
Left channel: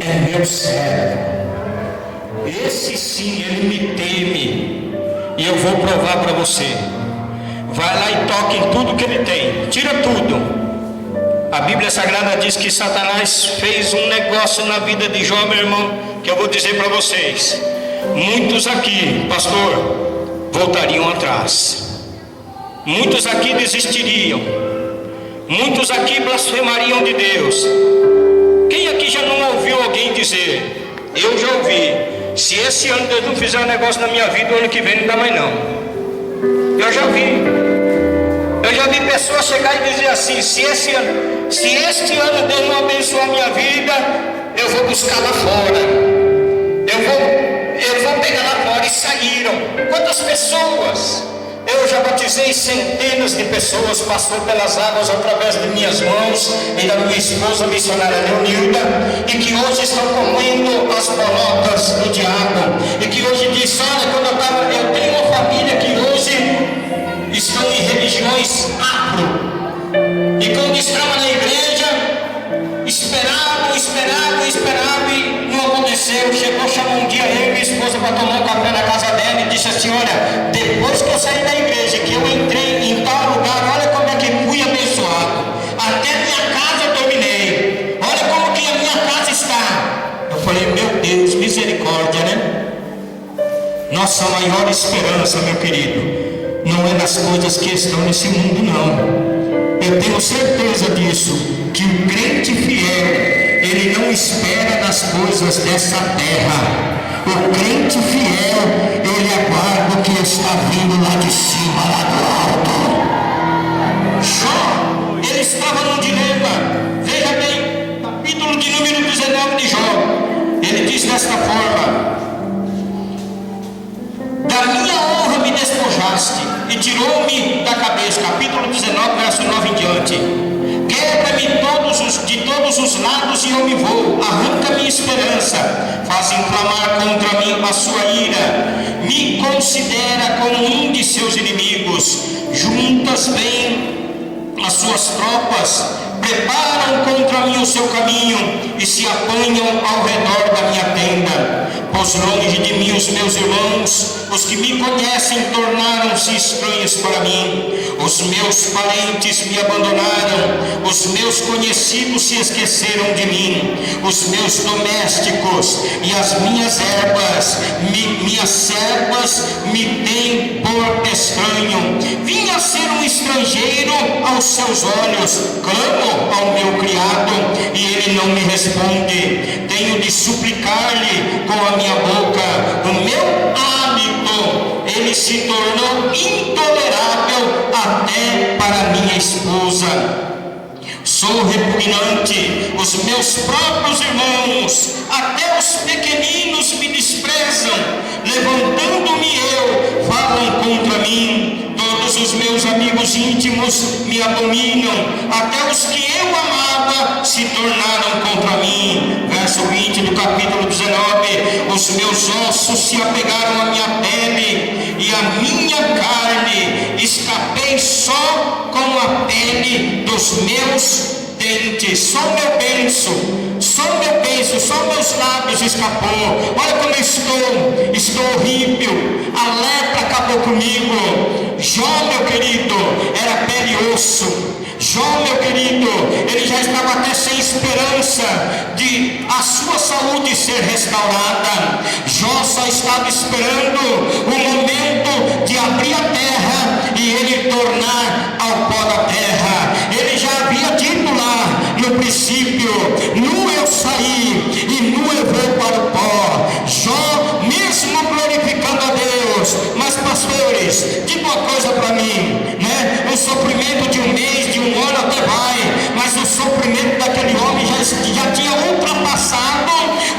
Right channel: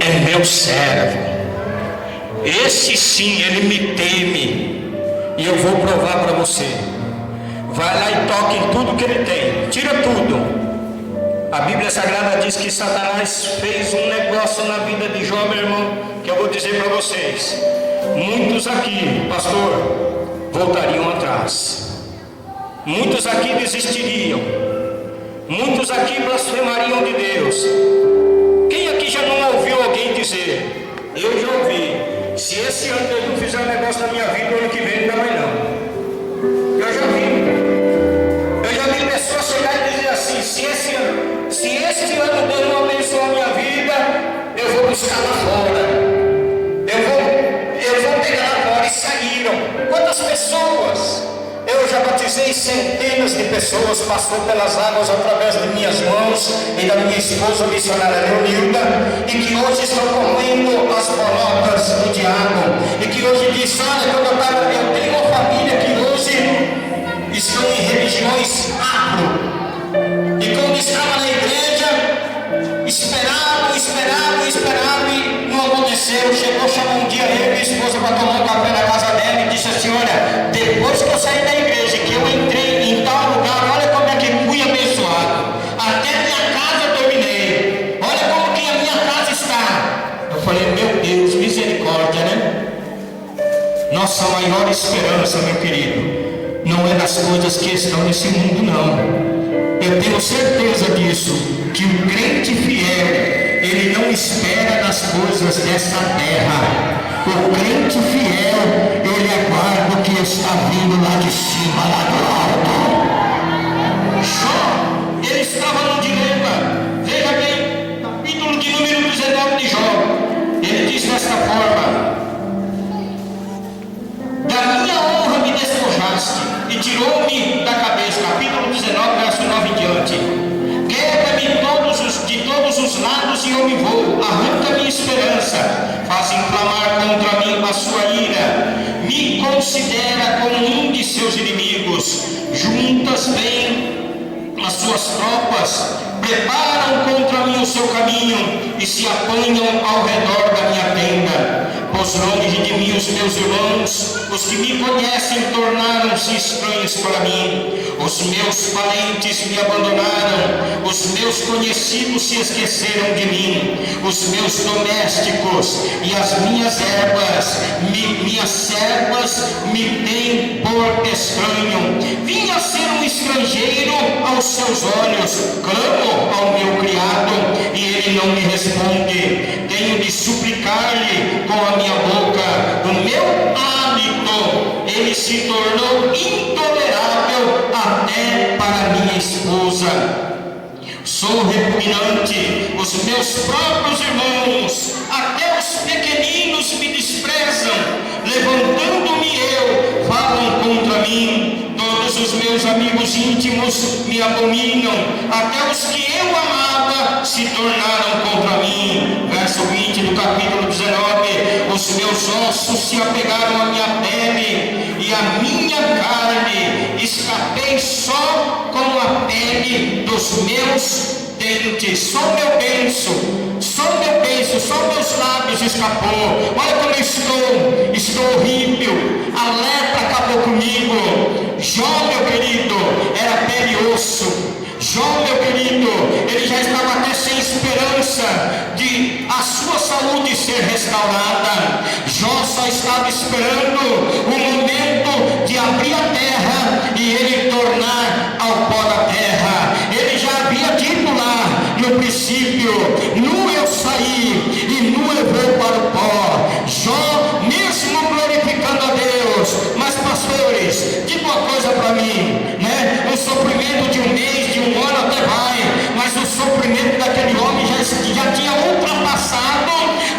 é meu servo, esse sim, ele me teme, e eu vou provar para você. Vai lá e toque em tudo que ele tem, tira tudo. A Bíblia Sagrada diz que Satanás fez um negócio na vida de Jó, meu irmão, que eu vou dizer para vocês. Muitos aqui, pastor, voltariam atrás. Muitos aqui desistiriam. Muitos aqui blasfemariam de Deus. Quem aqui já não ouviu alguém dizer: eu já ouvi, se esse ano Deus não fizer um negócio na minha vida, o ano que vem não dá mais não. Eu já vi pessoas chegar e dizer assim: se este ano Deus não abençoar a minha vida, eu vou buscar lá fora, eu vou pegar lá fora. E saíram. Quantas pessoas? Eu já batizei centenas de pessoas, passou pelas águas através de minhas mãos e da minha esposa missionária Leonilda, e que hoje estão comendo as bolotas do diabo, e que hoje diz: olha, eu tenho uma família que hoje estão em religiões afro, e quando estava na igreja, esperavam e não aconteceu. Chamou um dia eu e minha esposa para tomar um café na casa dela e disse assim: olha, depois que eu saí da igreja nossa maior esperança, meu querido, não é nas coisas que estão nesse mundo, não. Eu tenho certeza disso, que o crente fiel, ele não espera nas coisas dessa terra. O crente fiel, ele aguarda o que está vindo lá de cima, lá do alto. Jó, ele estava num dilema. Veja bem, capítulo de número 19 de Jó. Ele diz desta forma: da minha honra me despojaste e tirou-me da cabeça. Capítulo 19, verso 9 em diante. Quebra-me de todos os lados e eu me vou. Arranca minha esperança. Faz inflamar contra mim a sua ira. Me considera como um de seus inimigos. Juntas bem as suas tropas. Preparam contra mim o seu caminho e se apanham ao redor da minha tenda. Pois longe de mim os meus irmãos, os que me conhecem, tornaram-se estranhos para mim. Os meus parentes me abandonaram, os meus conhecidos se esqueceram de mim. Os meus domésticos e as minhas minhas servas me têm por estranho. Vim a ser um estrangeiro aos seus olhos, clamo ao meu criado e ele não me responde. Tenho de suplicar-lhe com a minha boca, o meu hálito, ele se tornou intolerável até para minha esposa. Sou repugnante, os meus próprios irmãos, até os pequeninos me desprezam. Levantando-me eu, falam contra mim. Todos os meus amigos íntimos me abominam, até os que eu amava se tornaram contra mim. Verso 20 do capítulo 19. Os meus ossos se apegaram à minha pele e a minha carne escapei só com a pele dos meus dentes. Só meu beiço, só meus lábios escapou. Olha como eu estou horrível. A lepra acabou comigo. Jó, meu querido, era pele e osso. Jó, meu querido, ele já estava até sem esperança de a sua saúde ser restaurada. Jó só estava esperando o momento de abrir a terra e ele tornar ao pó da terra. Ele já havia dito lá no princípio: nu eu saí e nu eu vou para o pó. Jó, mesmo glorificando a Deus, mas pastores, diga uma coisa para mim, né? O sofrimento de um mês, de um ano até vai, mas o sofrimento daquele homem já tinha ultrapassado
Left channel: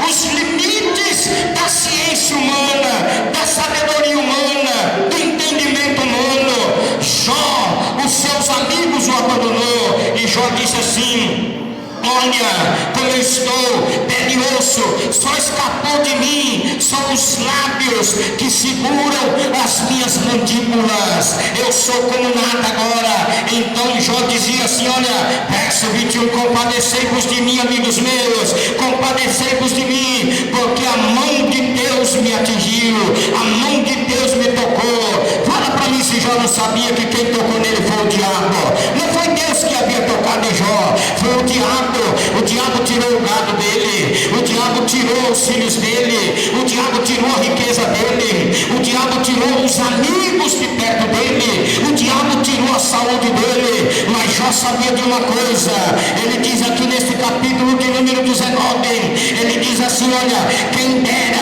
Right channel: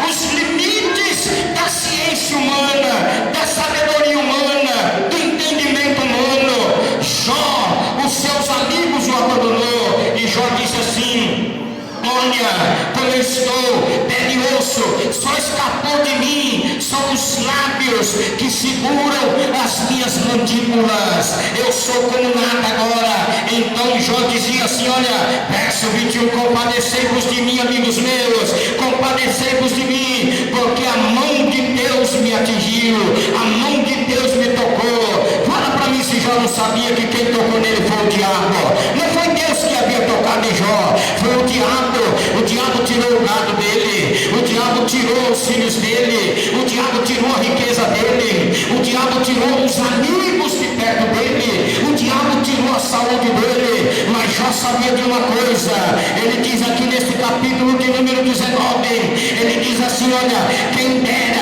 os limites da ciência humana, da sabedoria humana, do entendimento humano. Jó, os seus amigos o abandonou, e Jó disse assim: olha como eu estou, pele e osso, só escapou de mim, são os lábios que seguram as minhas mandíbulas, eu sou como nada agora. Então Jó dizia assim, olha, verso 21, compadecei-vos de mim, amigos meus, compadecei-vos de mim, porque a mão de Deus me atingiu, a mão de Deus me tocou. Fala para mim se Jó não sabia que quem tocou nele foi o diabo. Não foi Deus que havia tocado em Jó, foi o diabo. O diabo tirou o gado dele, o diabo tirou os filhos dele, o diabo tirou a riqueza dele, o diabo tirou os amigos de perto dele, o diabo tirou a saúde dele. Mas Jó sabia de uma coisa, ele diz aqui neste capítulo de número 19, ele diz assim, olha, quem dera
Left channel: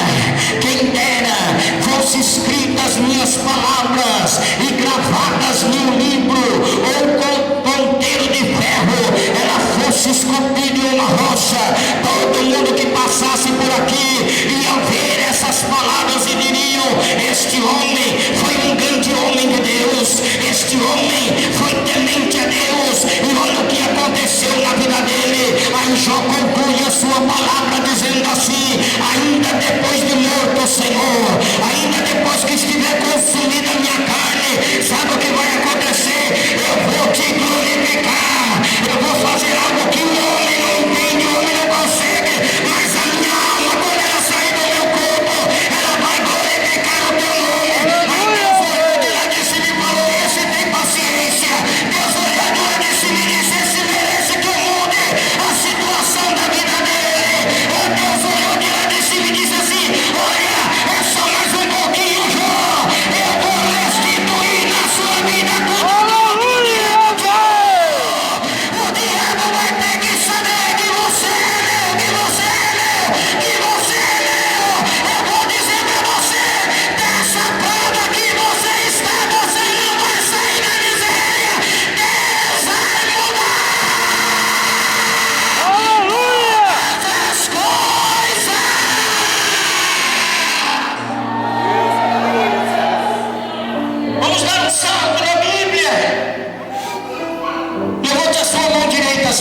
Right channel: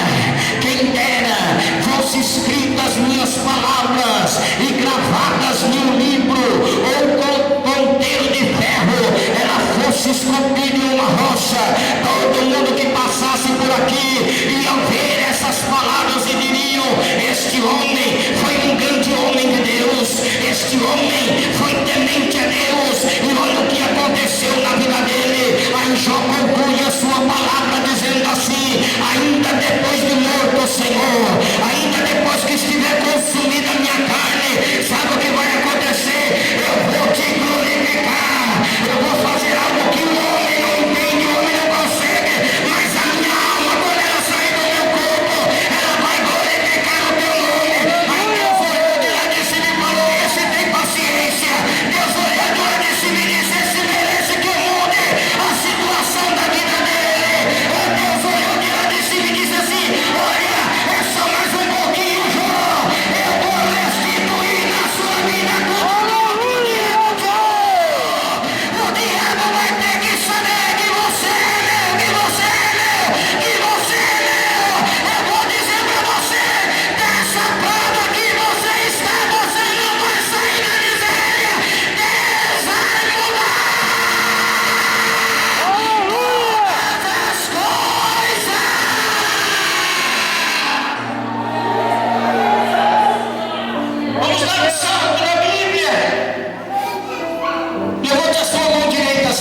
fosse escritas minhas palavras e gravadas num livro ou com ponteiro de ferro, ela fosse esculpida em uma rocha, todo mundo que passasse por aqui ia ver essas palavras e diriam, este homem foi um grande homem de Deus, este homem foi temente a Deus, e olha o que aconteceu na vida dele. Aí Jó conclui a sua palavra dizendo assim, ainda depois de morto o Senhor, ainda depois que estiver consumida a minha carne, sabe o que vai acontecer? Eu vou te glorificar, eu vou fazer algo que o homem não entende, o homem não consegue, mas a minha alma, quando ela sair do meu corpo, ela vai glorificar o teu nome. Aí Deus olhou de lá de cima e falou, esse tem paciência. Deus olhou de lá de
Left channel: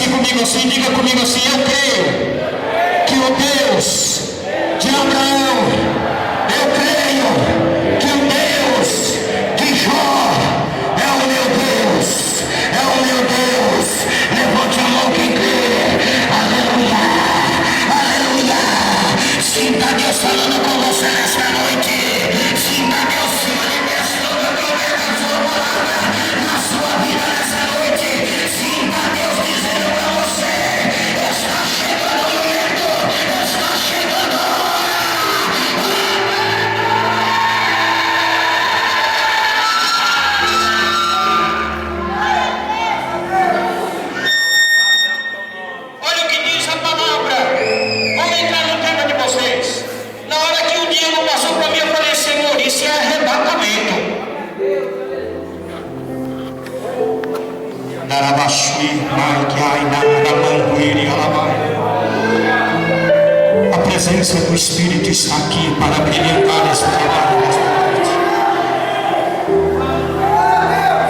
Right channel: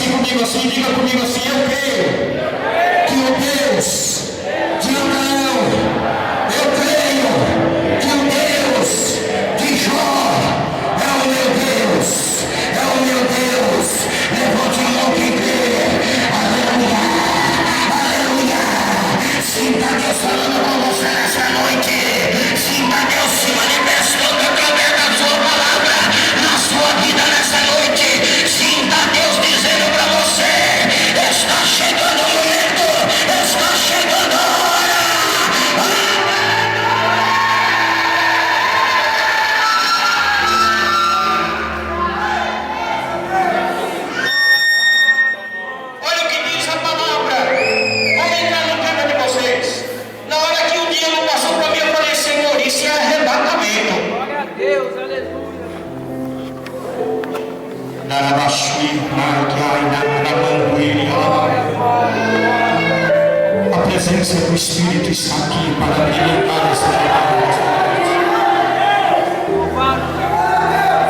comigo assim, diga comigo assim: eu creio que o Deus de Abraão, eu creio que o Deus de Jó é o meu Deus, é o meu Deus. Levante a mão quem crê. Aleluia, aleluia. Sinta Deus falando com você nesta noite. Sinta Deus se manifestando através da sua palavra na sua vida nessa noite. Sinta Deus dizendo para você: está chegando o momento, está chegando a hora. Olha o que diz a palavra. Vamos entrar no tema de vocês. Na hora que o dia não passou para mim, eu falei: Senhor, isso é arrebatamento. A presença do Espírito está aqui para brilhantar esse trabalho nesta noite.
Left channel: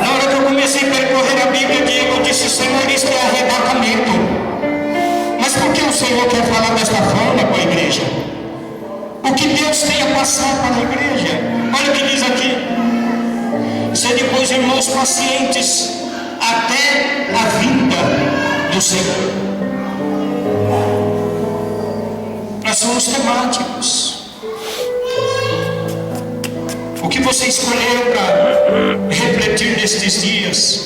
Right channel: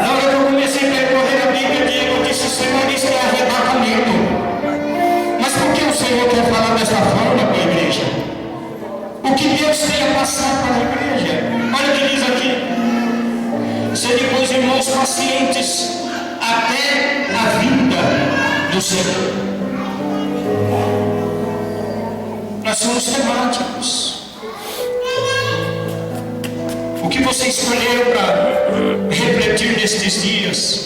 Na hora que eu comecei a percorrer a Bíblia, Diego disse: Senhor, isso é arrebatamento. Mas por que o Senhor quer falar desta forma com a igreja? O que Deus tem a passar para a igreja? Olha o que diz aqui: sede, pois, irmãos, pacientes até a vinda do Senhor. Nós somos temáticos. O que você escolheu para refletir nestes dias?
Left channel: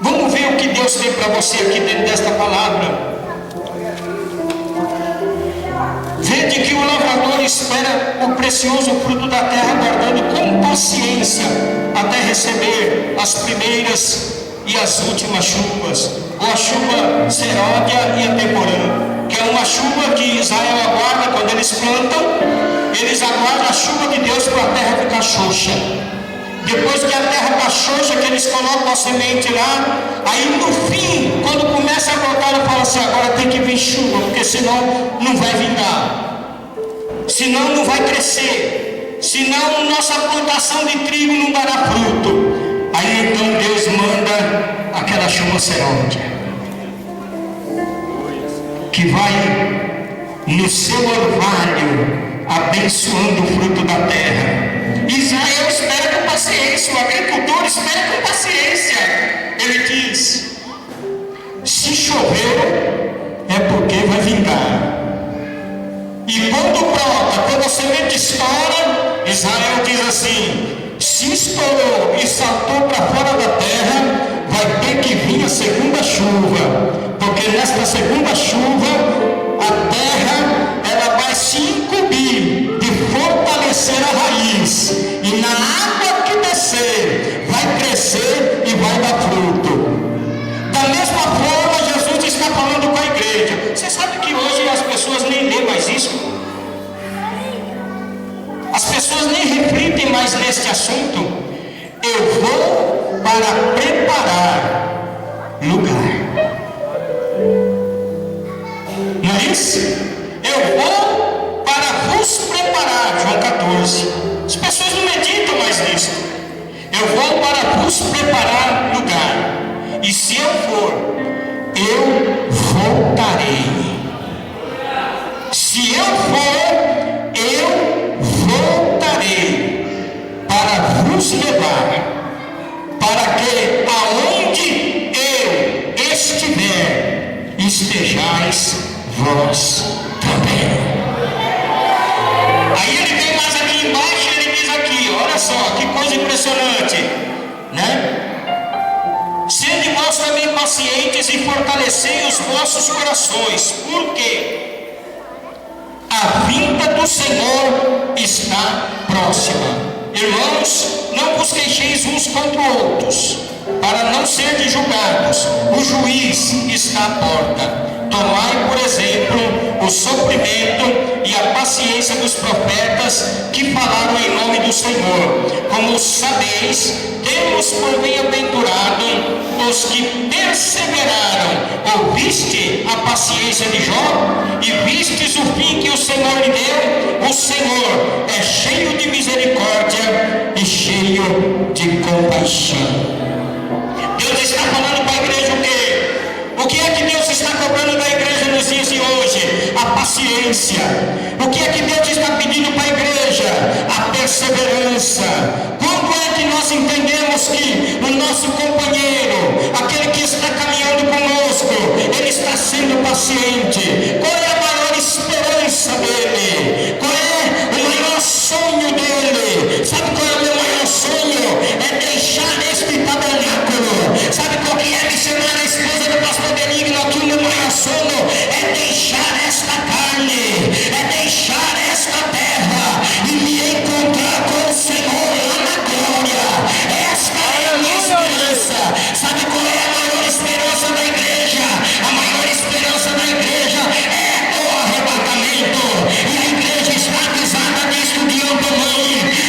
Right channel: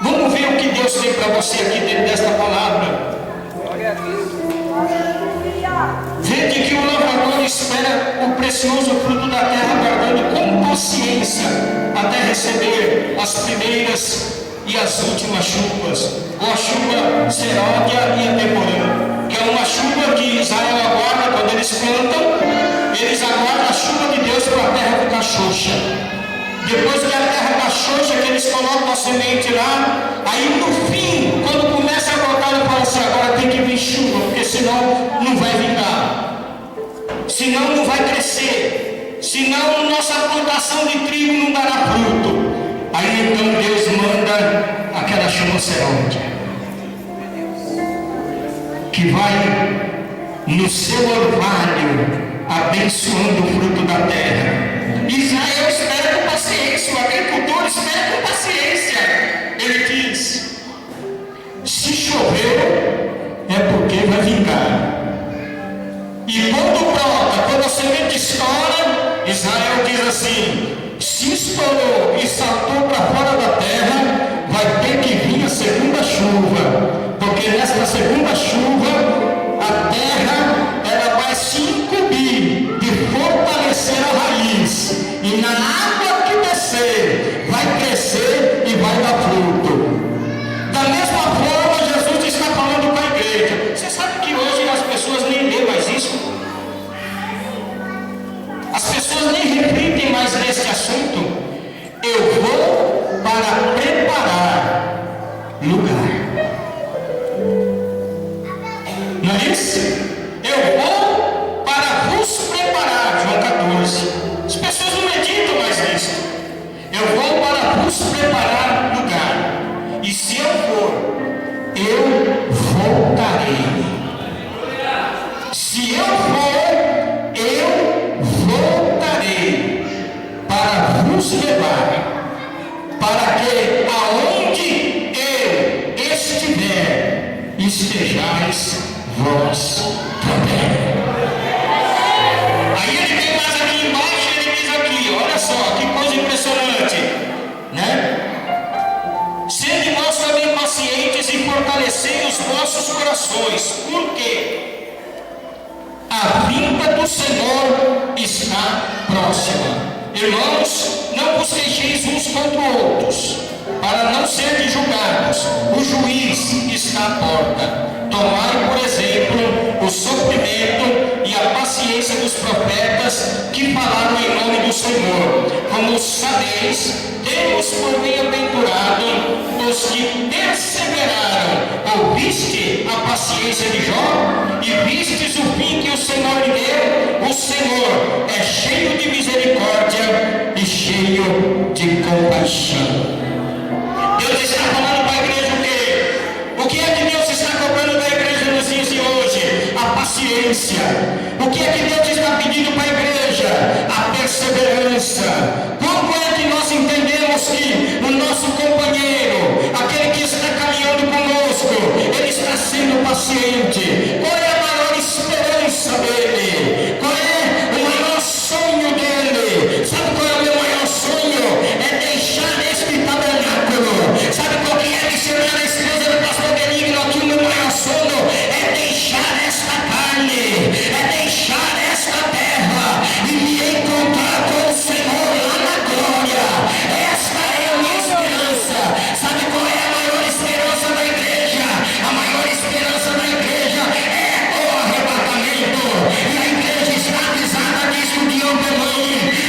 Vamos ver o que Deus tem para você aqui dentro desta palavra. Vede que o lavrador espera o precioso fruto da terra, aguardando com paciência até receber as primeiras e as últimas chuvas, ou a chuva seródia e a temporã, que é uma chuva que Israel aguarda quando eles plantam. Eles aguardam a chuva de Deus para a terra ficar xoxa. Depois que a terra está xoxa, que eles colocam a semente lá, aí no fim, quando começa a brotar, ele fala assim: agora tem que vir chuva, porque senão não vai vingar, senão não vai crescer, senão nossa plantação de trigo não dará fruto. Aí então Deus manda aquela chuva seródia, que vai no seu orvalho abençoando o fruto da terra. Israel espera com paciência, o agricultor espera com paciência. Ele diz: se choveu é porque vai vingar. E quando brota, quando a semente estoura, Israel diz assim: se estourou e saltou para fora da terra, vai ter que vir a segunda chuva, porque nesta segunda chuva a terra ela vai se incumbir de fortalecer a raiz, e na água que descer vai crescer e vai dar fruto. Da mesma forma, Jesus está falando com a igreja. Você sabe que hoje as pessoas nem lêem mais isso? As pessoas nem refletem mais neste assunto. Eu vou para preparar lugar. Não é isso? Eu vou para vos preparar. João 14. As pessoas não meditam mais nisso. Eu vou para vos preparar lugar. E se eu for, eu voltarei. Se eu for, eu voltarei para vos levar, para que aonde eu estiver, estejais vós também. Aí ele vem mais aqui embaixo e ele diz aqui: olha só que coisa impressionante, né? Sede vós também pacientes e fortalecei os vossos corações, porque a vinda do Senhor está próxima. Irmãos, não vos queixeis uns contra outros, para não serdes julgados. O juiz está à porta. Tomai, por exemplo, o sofrimento e a paciência dos profetas que falaram em nome do Senhor. Como sabeis, temos por bem-aventurado os que perseveraram. Ouviste a paciência de Jó e vistes o fim que o Senhor lhe deu? O Senhor é cheio de misericórdia e cheio de compaixão. Deus está falando para a igreja o quê? O que é paciência. O que é que Deus está pedindo para a igreja? A perseverança. Quando é que nós entendemos que o nosso companheiro, aquele que está caminhando conosco, ele está sendo paciente? Qual é a maior esperança dele? Qual é o maior sonho dele? Sabe qual é o meu maior sonho? É deixar este tabernáculo. Sabe qual que é, missionária, a esposa do pastor Benigno? Aqui o meu maior sonho é deixar esta carne, é deixar esta terra e me encontrar com o Senhor lá na glória. Esta é a minha esperança. Sabe qual é a maior esperança da igreja? A maior esperança da igreja é o arrebatamento. E a igreja está avisada disto de antemão.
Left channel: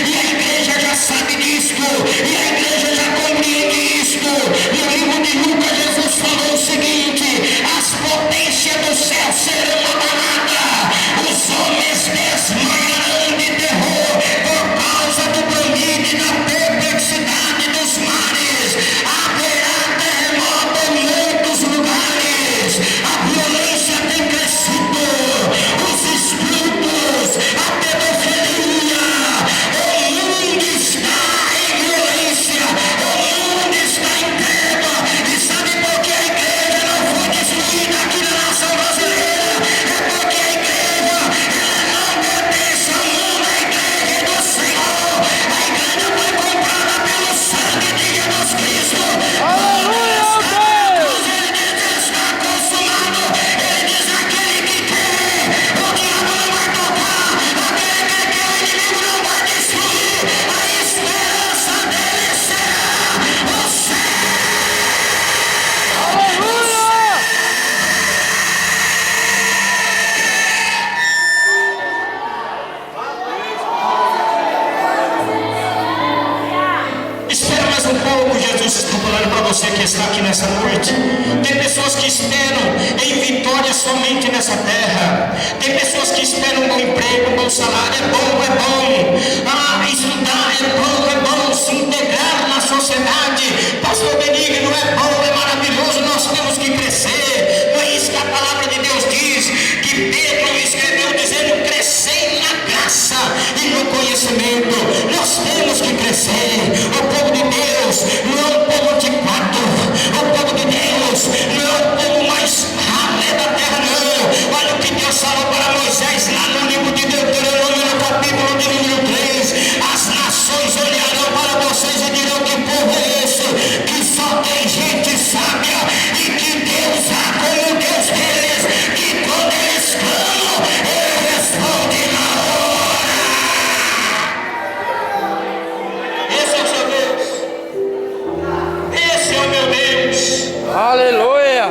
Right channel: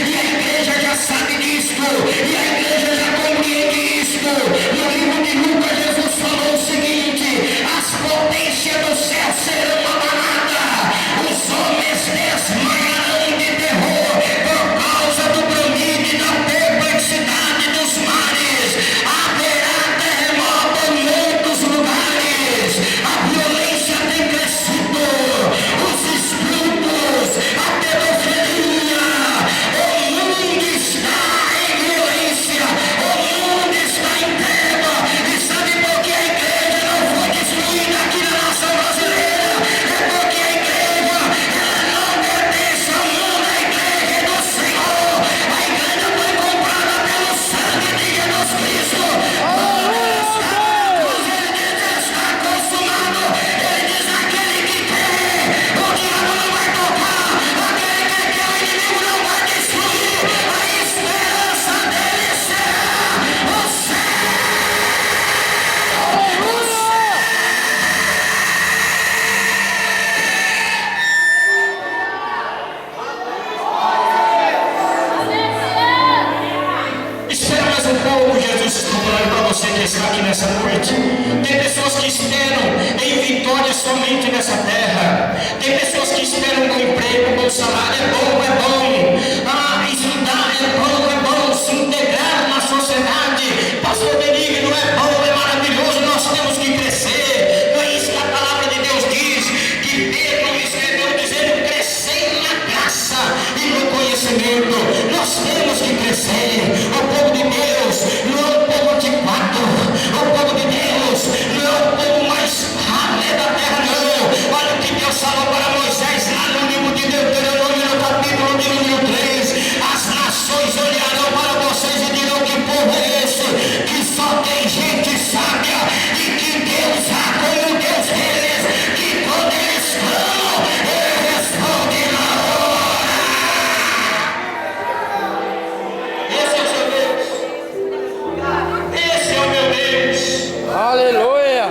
E a igreja já sabe disto. E a igreja já compreende isto. No livro de Lucas, Jesus falou o seguinte: as potências do céu serão abaladas. Os homens desmaiarão de terror por causa do bramido e da perplexidade dos mares. Haverá terremoto em muitos lugares. A violência tem crescido. Os estupros, a pedofilia. O mundo está em violência. O mundo está em treva. E sabe por que a igreja não foi destruída aqui na nação brasileira? É porque a igreja, ela não pertence ao mundo. A igreja é do Senhor. A igreja foi comprada pelo sangue de Jesus Cristo. Ele diz: está consumado. Ele diz: aquele que quer, o diabo não vai tocar. Aquele que quer, o inimigo não vai destruir. A esperança dele será o céu. Espera mais um pouco, Jesus está falando para você que está aqui nessa noite. Tem pessoas que esperam em vitória somente nessa terra. Tem pessoas que esperam um bom emprego, um bom salário. É bom. Estudar é bom. Se integrar na sociedade. Pastor Benigno, é bom, é maravilhoso. Nós temos que crescer. Não é isso que a palavra de Deus diz? Que Pedro escreveu dizendo: crescei na graça e no conhecimento. Nós temos que crescer. O povo de Deus não é um povo antiquado. O povo de Deus não é um povo mais ralé da terra, não. Olha o que Deus falou para Moisés lá no livro de Deuteronômio, no capítulo de número 3. As nações olharão para vocês e dirão: que povo é esse que só tem gente sábia e que Deus há como Deus deles, que quando eles clamam, Ele responde na hora. Esse é o seu Deus. Esse é o meu Deus. Aleluia!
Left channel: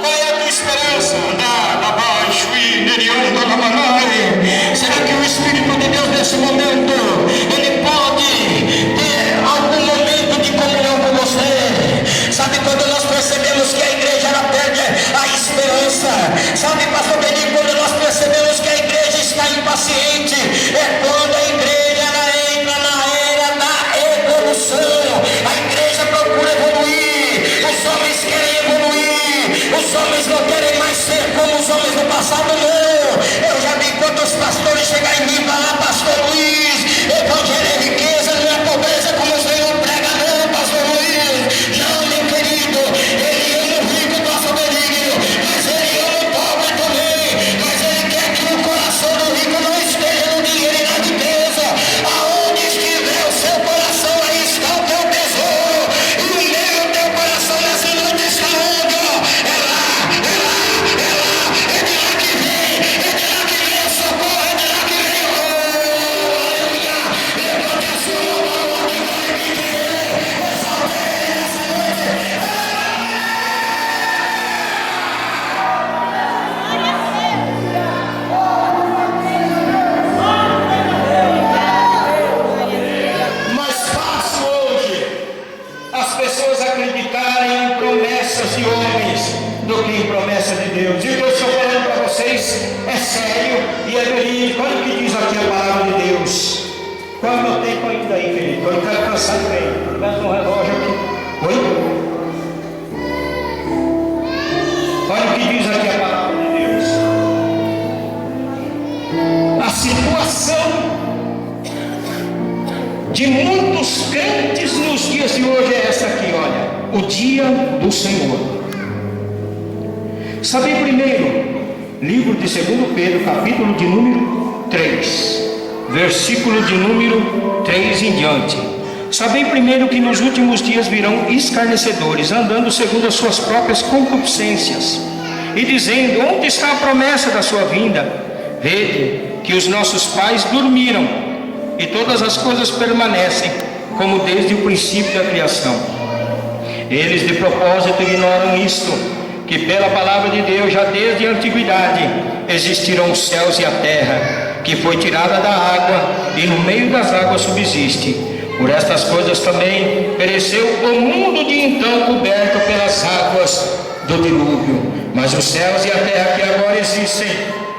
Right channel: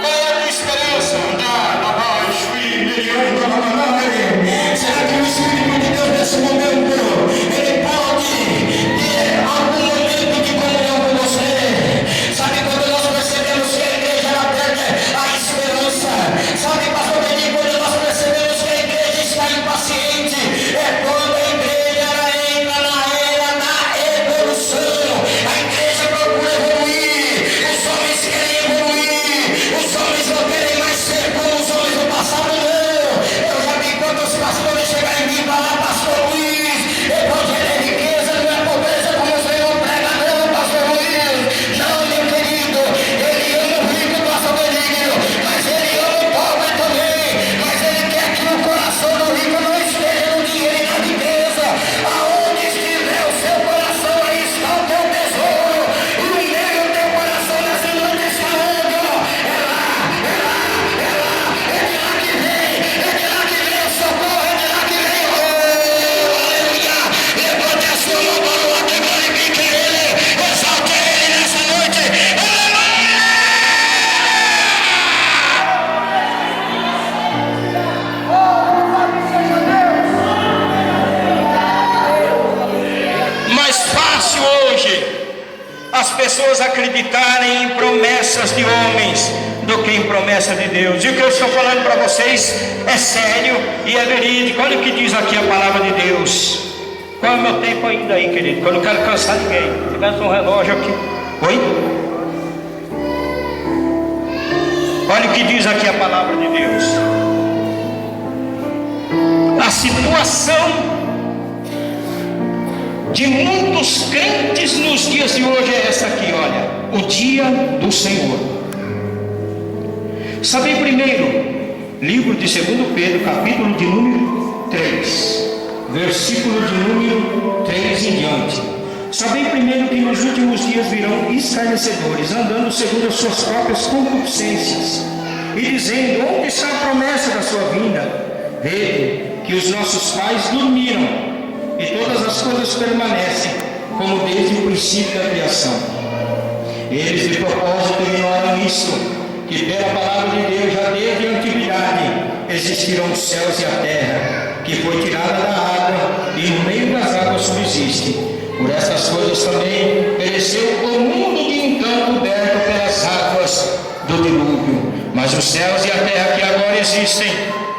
Qual é a tua esperança? Andar abaixo e neriando a mamãe. Será que o Espírito de Deus nesse momento, ele pode ter algum momento de comunhão com você? Sabe quando nós percebemos que a igreja ela perde a esperança? Sabe, pastor Benigno, quando nós percebemos que a igreja está impaciente? É quando a igreja ela entra na era da evolução. A igreja procura evoluir. Os homens querem evoluir. Os homens não querem mais ser como os homens do passado, não. Eu já vi quantos pastores chegarem em mim e falar: pastor Luiz, evangelho é riqueza, não é pobreza como o Senhor prega, não, pastor Luiz. Não, meu querido, ele ama o rico, pastor Benigno, mas ele ama o pobre também. Mas ele quer que o coração do rico não esteja no dinheiro e na riqueza. Aonde estiver o seu coração, aí está o teu tesouro. E o meu teu coração nessa noite está onde? É lá, é de lá que vem o socorro, é de lá que vem o aleluia. Levante a sua mão para o alto e glorifique Ele, exalte Ele nessa noite. Mais fácil hoje as pessoas acreditarem em promessas de homens do que em promessas de Deus. E o que eu estou falando para vocês é sério e é verídico. Olha o que diz aqui a palavra de Deus. Qual é o meu tempo ainda aí, querido? Quando eu não quero cansar ninguém. Se tivesse um relógio aqui. Oi? Olha o que diz aqui a palavra de Deus. situação de muitos crentes nos dias de hoje é essa aqui, olha, o dia do Senhor. Sabem primeiro, livro de 2 Pedro, capítulo de número 3, versículo de número 3 em diante. Sabem primeiro que nos últimos dias virão escarnecedores, andando segundo as suas próprias concupiscências, e dizendo: onde está a promessa da sua vinda? Vede que os nossos pais dormiram, e todas as coisas permanecem como desde o princípio da criação. Eles de propósito ignoram isto, que pela palavra de Deus já desde a antiguidade existiram os céus e a terra, que foi tirada da água e no meio das águas subsiste. Por estas coisas também pereceu o mundo de então coberto pelas águas do dilúvio. Mas os céus e a terra que agora existem,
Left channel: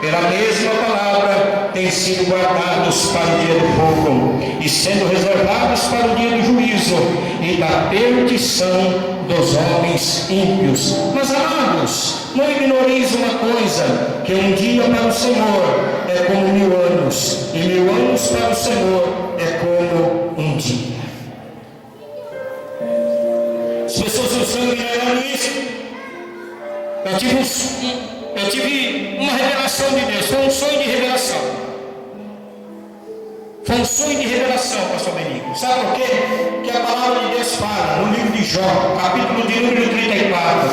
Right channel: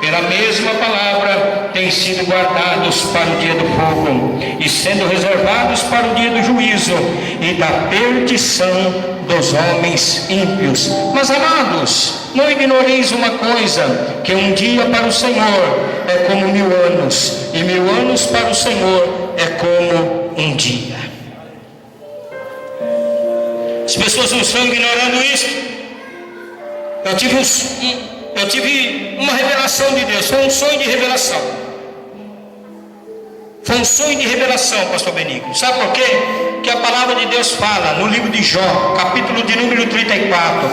pela mesma palavra, têm sido guardados para o dia do fogo, e sendo reservados para o dia do juízo e da perdição dos homens ímpios. Mas amados, não ignoreis uma coisa, que um dia para o Senhor é como 1000 anos, e 1000 anos para o Senhor é como um dia. As pessoas não estão ignorando isso. Eu tive uma revelação de Deus, foi um sonho de revelação. Foi um sonho de revelação, pastor Benigno. Sabe por quê? Que a palavra de Deus fala no livro de Jó, capítulo de número 34.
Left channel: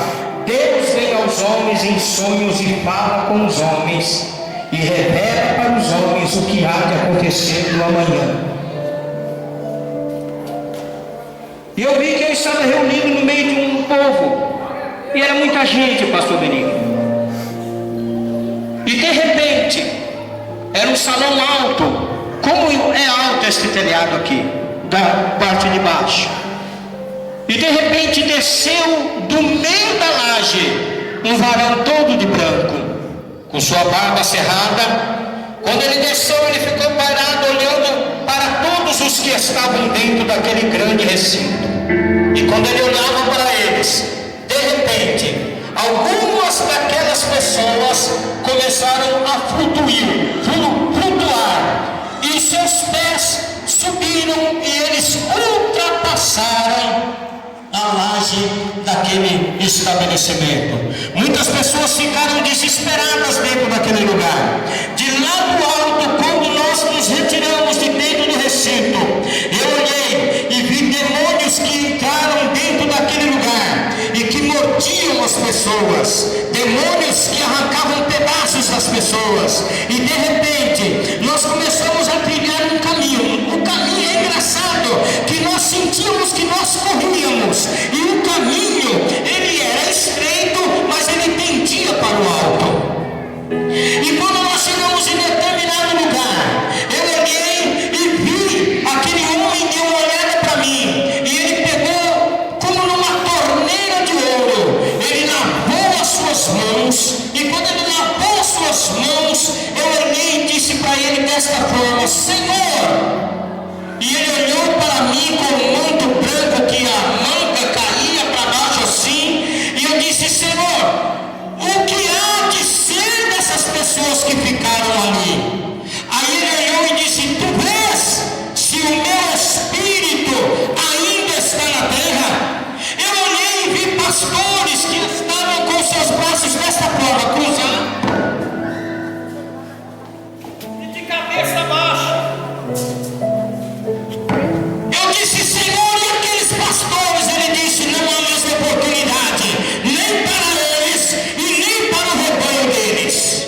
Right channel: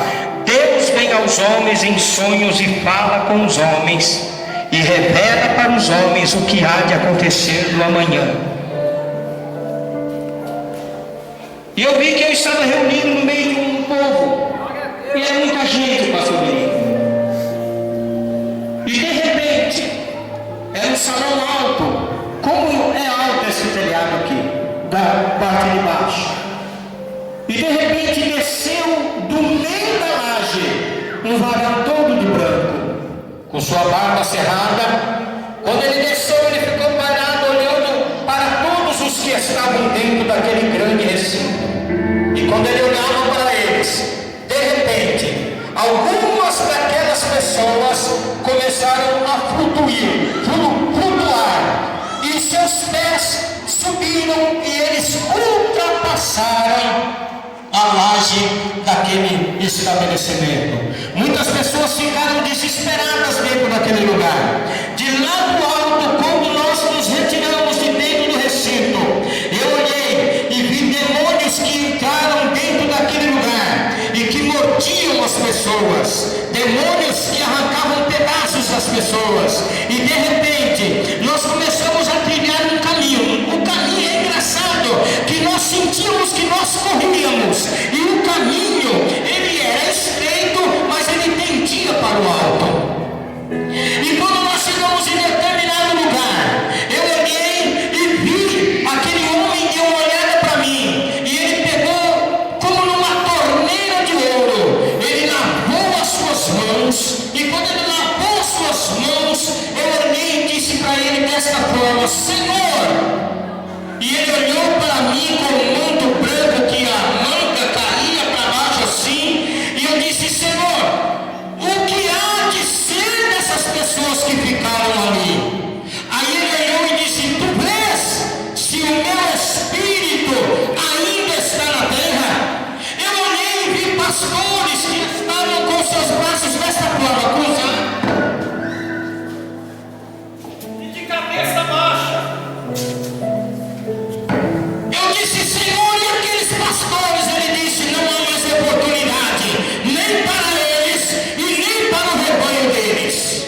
Deus vem aos homens em sonhos e fala com os homens, e revela para os homens o que há de acontecer no amanhã. E eu vi que eu estava reunido no meio de um povo, e era muita gente, pastor Benigno. E de repente, era um salão alto, como é alto esse telhado aqui, da parte de baixo. E de repente desceu do meio da laje um varão todo de branco, com sua barba cerrada. Quando ele desceu, ele ficou parado olhando para todos os que estavam dentro daquele grande recinto. E quando ele olhava para eles, de repente, algumas daquelas pessoas começaram a flutuar, e os seus pés subiram e eles ultrapassaram a laje daquele estabelecimento. Muitas pessoas ficaram desesperadas dentro daquele lugar. De lá do alto, quando nós nos retiramos de dentro do recinto, eu olhei e vi demônios que entraram dentro daquele lugar e que mordiam as pessoas, demônios que arrancavam pedaços das pessoas. E de repente nós começamos a trilhar um caminho. O caminho é engraçado, que nós sentíamos que nós corríamos, e o caminho ele era estreito, mas ele tendia para o alto. E quando nós chegamos em determinado lugar, eu olhei e vi aquele homem deu uma olhada para mim, e ele pegou como numa torneira de ouro, ele lavou as suas mãos, e quando ele lavou as suas mãos, eu olhei e disse para ele desta forma: Senhor. E ele olhou para mim com um manto branco que a manga caía para baixo assim, e eu disse: Senhor, o que há de ser dessas pessoas que ficaram ali? Aí ele olhou e disse: tu vês se o meu espírito ainda está na terra? Eu olhei e vi pastores que estavam com seus braços desta forma, cruzados e de cabeça baixa. Eu disse: Senhor, e aqueles pastores? Ele disse: não há mais oportunidade, nem para eles e nem para o rebanho deles.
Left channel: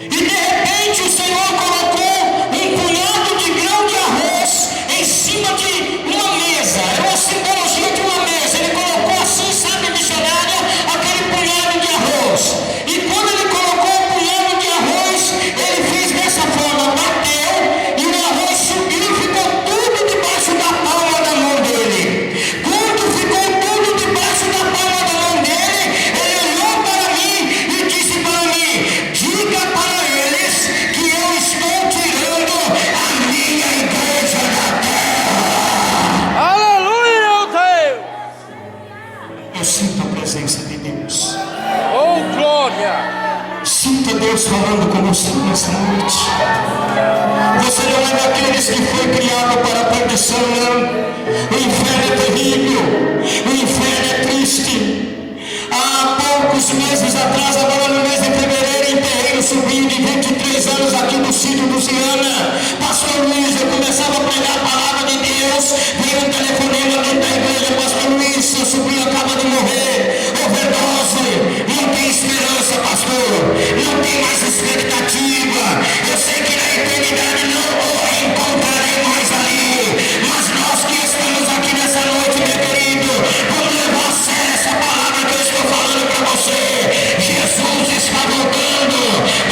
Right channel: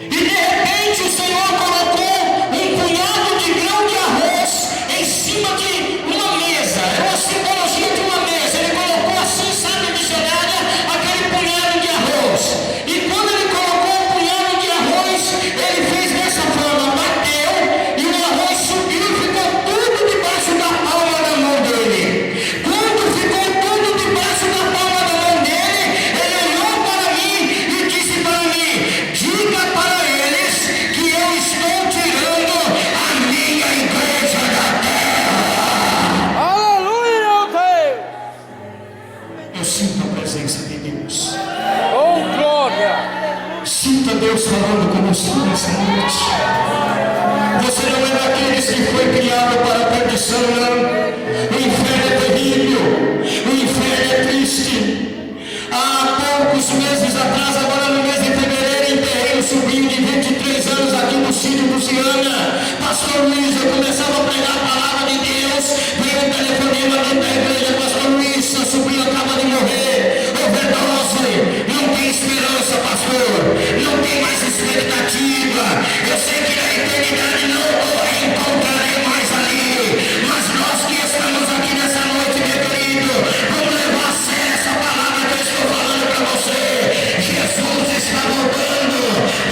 E de repente o Senhor colocou um punhado de grão de arroz em cima de uma mesa. Era uma simbologia de uma mesa. Ele colocou assim terrível, o inferno é triste. Há poucos meses atrás, agora no mês de fevereiro, enterrei um sobrinho de 23 anos aqui no sítio do Ciana. Pastor Luiz, eu começava a pregar a palavra de Deus, veio um telefonema dentro da igreja: Pastor Luiz, seu sobrinho acaba de morrer, overdose, não tem esperança, pastor, não tem mais expectativa. Eu sei que na eternidade não o encontrarei mais ali, mas nós que estamos aqui nessa noite, meu querido, vamos levar a sério essa palavra que eu estou falando para você. Jesus está voltando.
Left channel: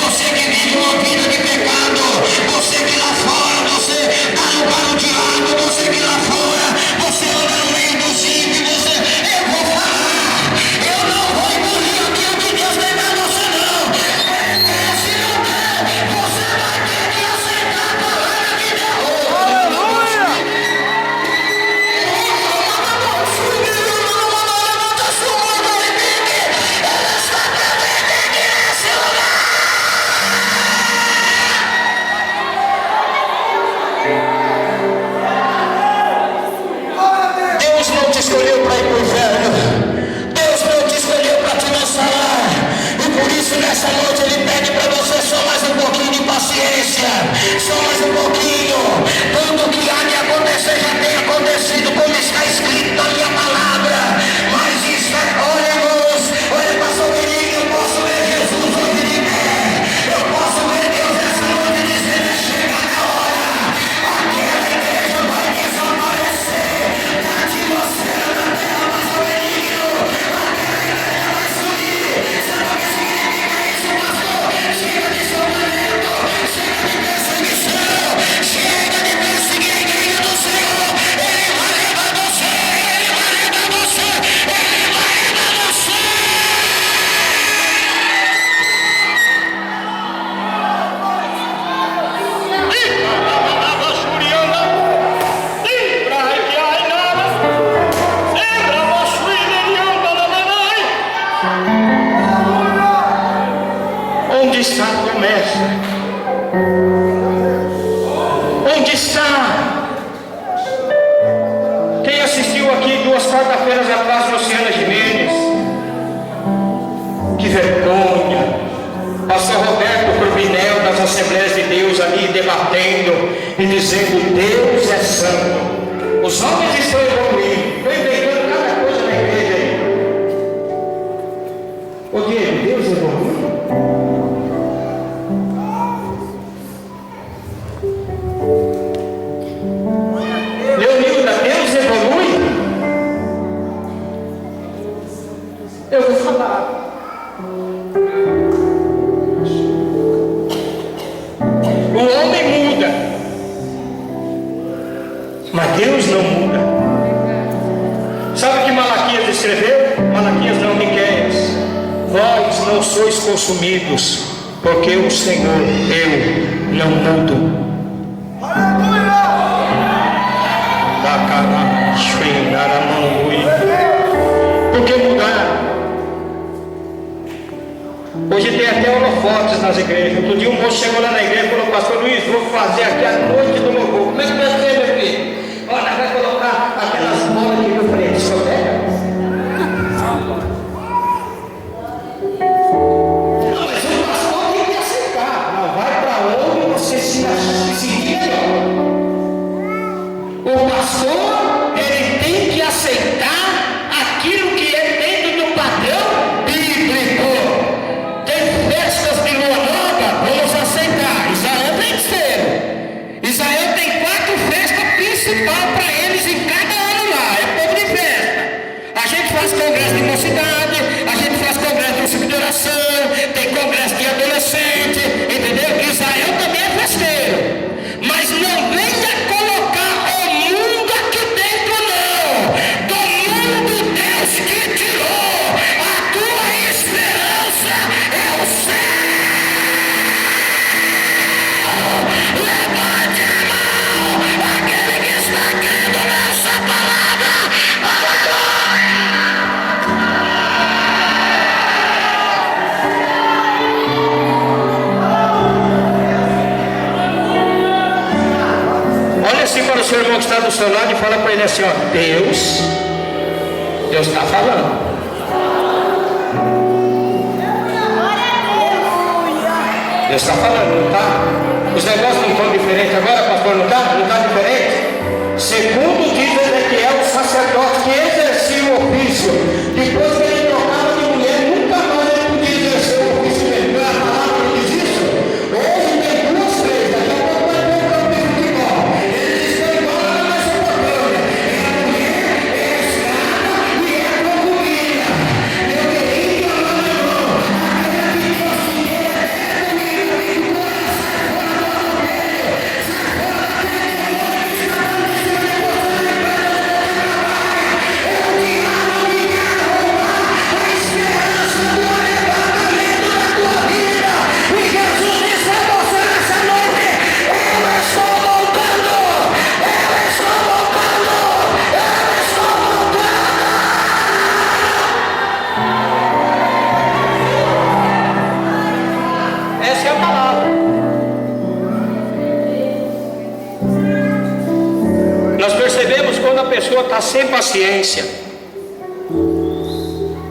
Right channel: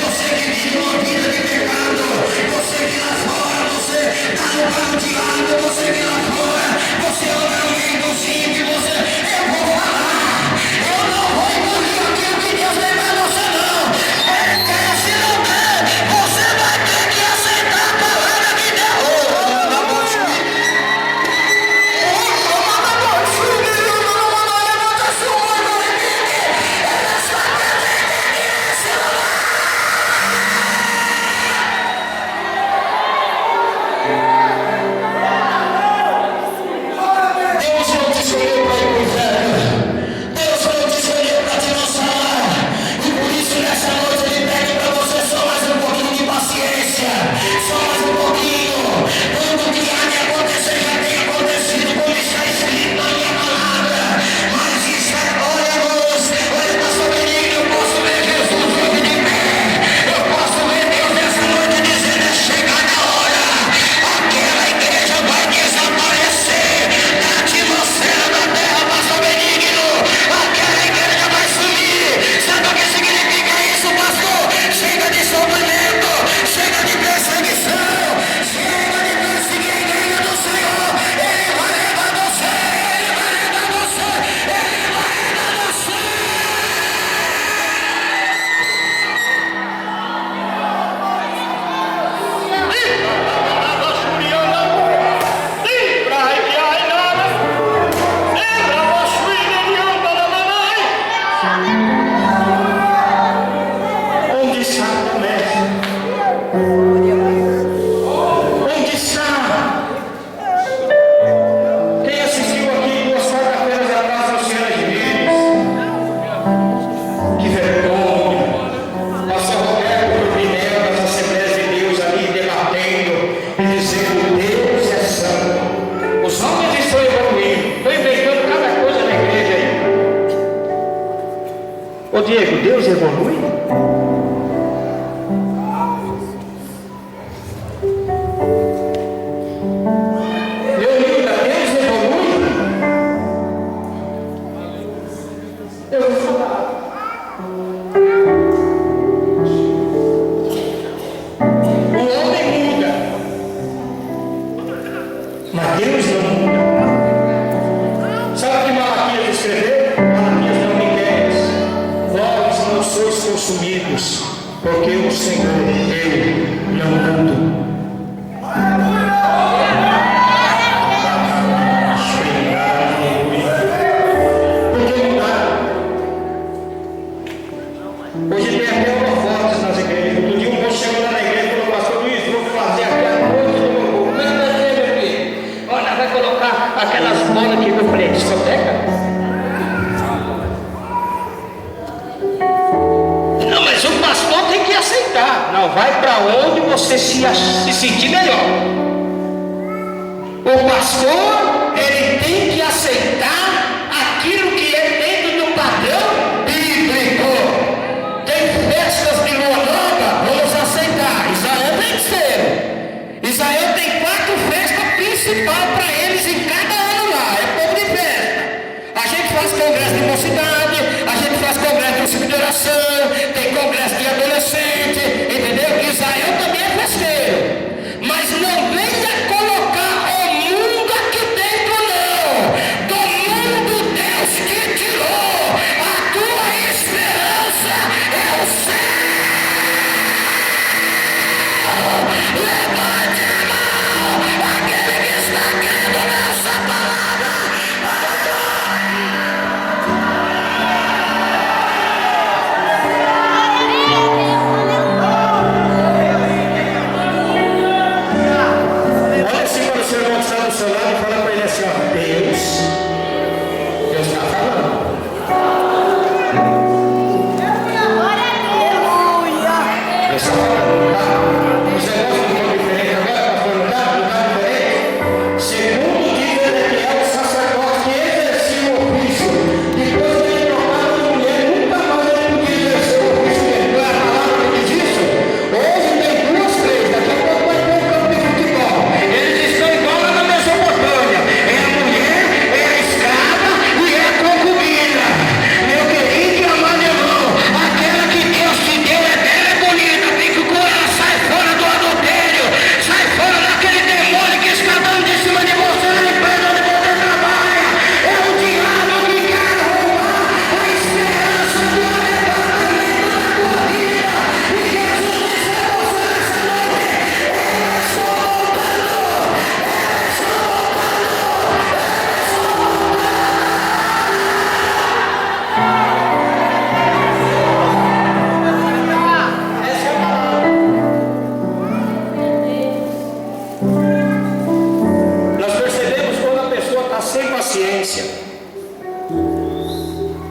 Você que vive uma vida de pecado, você que lá fora, você está no pau de diabo, você que lá fora, você anda no meio do ímpios, eu vou falar, eu não vou engolir aquilo que Deus tem para você não. Se não der, você vai ter que aceitar a palavra de Deus. Deus não te escolheu para ir para o inferno. Deus não te escolheu para te lançar lá. E por isso nessa noite Ele pede para você só mais um pouquinho de paciência, só mais um pouquinho. Tudo que há de acontecer já tem acontecido, como está escrito na minha palavra. Mas isso é, olha a luz, olha pastor querido, eu posso ver Jesus hoje de pé. Eu posso ver Deus essa noite dizendo: chega na hora. Aquela igreja vai desaparecer da atmosfera da terra, pastor benigno. Aquela igreja vai sumir. Sabe o que significa isso, pastor? Chega de sofrimento, chega de perseguição, chega de perseguir a igreja do Senhor. Ele vai levar você, Ele vai levar você, Ele vai levar você. Onde está a promessa? Onde está? Quem assistiu aqui 2 quarta-feiras atrás, Luciana Jimenez? Que vergonha! Pastor Roberto Turbinel das Assembleias de Deus ali debatendo e dizendo: Deus é santo. Os homens estão evoluindo, estão inventando cada coisa na igreja aí. Ô Diego, Deus evolui? Leonilda, Deus evolui? Eu vou falar. O homem muda, mas Deus não muda. Sabe o que Malaquias escreveu? Malaquias não, Miqueias: vós não sois consumidos, porque o Senhor, eu não mudo. Por que mudar? Hoje tem até holofotes nas igrejas. Outro dia um moço chegou lá na igreja e falou: pastor Luiz, vou fazer aqui a noite do louvor. Como é que vai ser, meu filho? Olha, vai colocar aquelas bolas que eu falei: discoteca? Não, mas o pastor tem que aceitar. Não, vai para onde você se sentir melhor. O pastor, ele tem que aceitar aquilo que é dentro do padrão bíblico. Tem festas de lua nova, vamos aceitar. Israel tem que ser. Israel tem 4 festas principais para eles em cada ano lá. É povo de festa. A gente faz congresso de mocidade, a gente faz congresso de ciclo de oração, tem congresso de adolescente, entendeu? Israel também é festeiro. Mas não venha colocar o mundo aqui dentro, não. Do mundo Deus que tirou. A tua esperança é o céu. Levante a mão, aquele que está crendo nessa palavra. Olha assim para o seu irmão que está do seu lado e fala para ele assim: ó, Deus Deus está falando. Deus está falando, tá? Os negócios não estão diferentes agora, pastor, não está? Não está diferente? Segundo diz Ezequiel, o sacerdote que exercia o ofício, depois que ele trocava de mulher, nunca mais ele podia exercer o ofício dele. Não é a palavra que diz isso? Hoje tem 2, 3, daqui a pouco vai ter um campo de futebol. Eles estão igual na Mesopotâmia. É a mulher, é a escrava e é a concubina. Meu querido, amado irmão, aquela que Deus te deu é bela, bonita, tem que curar, sai fora do adultério, sai fora daquele demônio que está dando em cima de você, no plano de você trabalha. É o diabo que quer roubar a esperança do arrebatamento da tua vida. E Jesus disse a você nessa noite: eu estou voltando, eu estou voltando, eu estou voltando. Essa é a palavra. Nós percebemos quando a pessoa está sem paciência,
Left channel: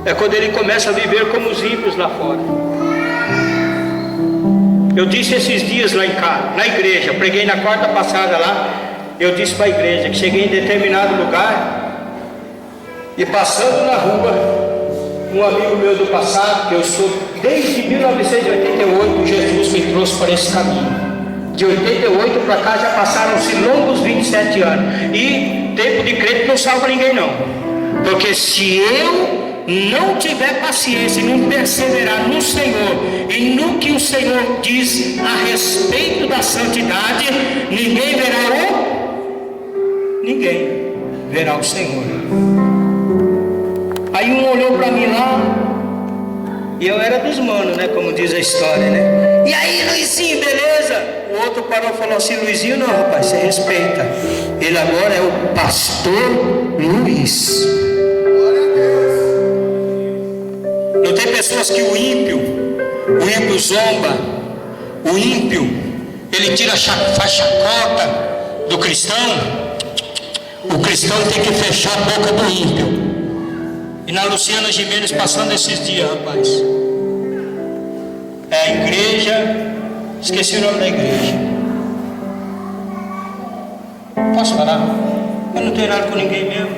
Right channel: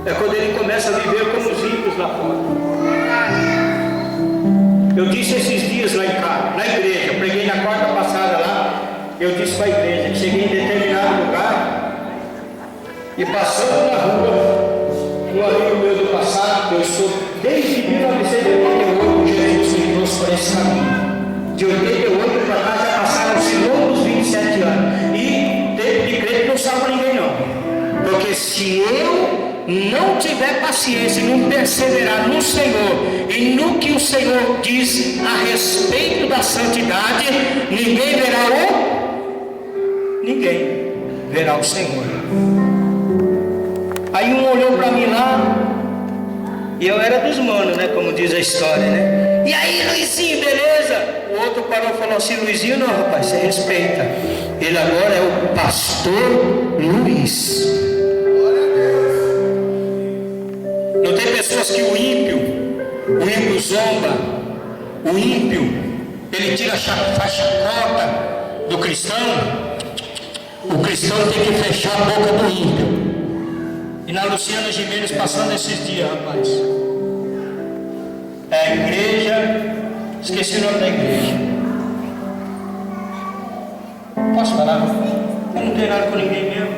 é quando ele começa a viver como os ímpios lá fora. Eu disse esses dias lá em casa, na igreja, preguei na quarta passada lá, eu disse para a igreja que cheguei em determinado lugar e passando na rua, um amigo meu do passado, que eu sou desde 1988, Jesus me trouxe para esse caminho. De 88 para cá já passaram-se longos 27 anos. E tempo de crédito não salva ninguém não. Porque se eu não tiver paciência e não perseverar no Senhor e no que o Senhor diz a respeito da santidade, ninguém verá o Senhor. Aí um olhou para mim lá, e eu era dos manos, né? Como diz a história, né? E aí, Luizinho, beleza? O outro parou e falou assim: Luizinho não, rapaz, você respeita. Ele agora é o pastor Luiz. Não tem pessoas que o ímpio zomba, o ímpio, ele faz chacota do cristão. O cristão tem que fechar a boca do ímpio. E na Luciana Gimenez, passando esses dias, rapaz, é a igreja, esqueci o nome da igreja. Posso falar? Eu não tenho nada com ninguém mesmo.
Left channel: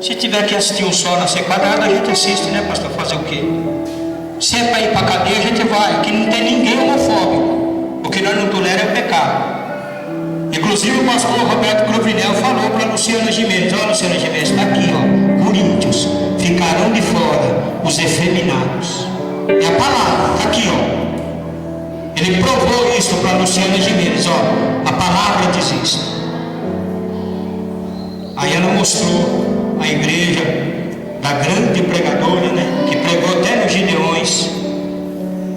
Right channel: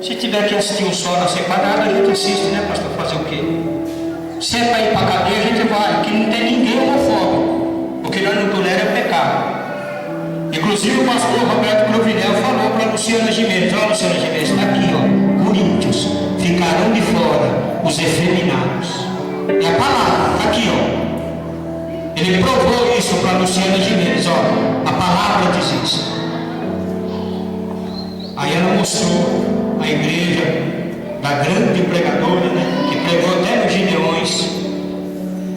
Se tiver que assistir um sol na sequadrada, a gente assiste, né, pastor? Fazer o quê? Se é para ir para a cadeia, a gente vai, que não tem ninguém homofóbico. O que nós não toleramos é pecado. Inclusive o pastor Roberto Cruvinel falou para Luciana Gimenez: ó, Luciana Gimenez, está aqui, ó, Coríntios, ficarão de fora os efeminados. É a palavra, está aqui, ó. Ele provou isso para Luciana Gimenez, ó, a palavra diz isso. Aí ela mostrou a igreja da grande pregadora, né, que pregou até nos Gideões,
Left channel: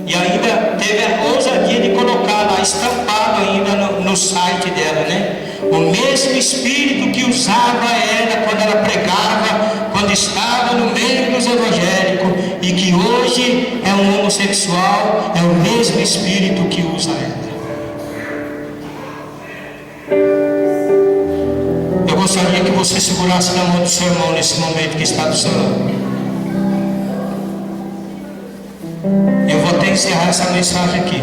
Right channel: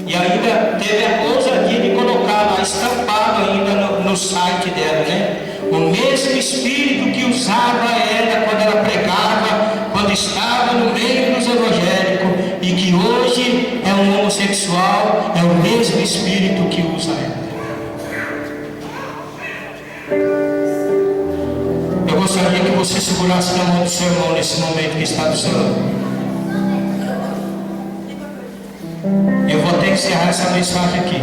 e ainda teve a ousadia de colocar lá, estampado ainda no site dela, né? O mesmo espírito que usava ela quando ela pregava, quando estava no meio dos evangélicos, e que hoje é um homossexual, é o mesmo espírito que usa ela. Eu gostaria que você segurasse na mão do seu irmão nesse momento que está do seu lado. Eu vou até encerrar essa mensagem aqui.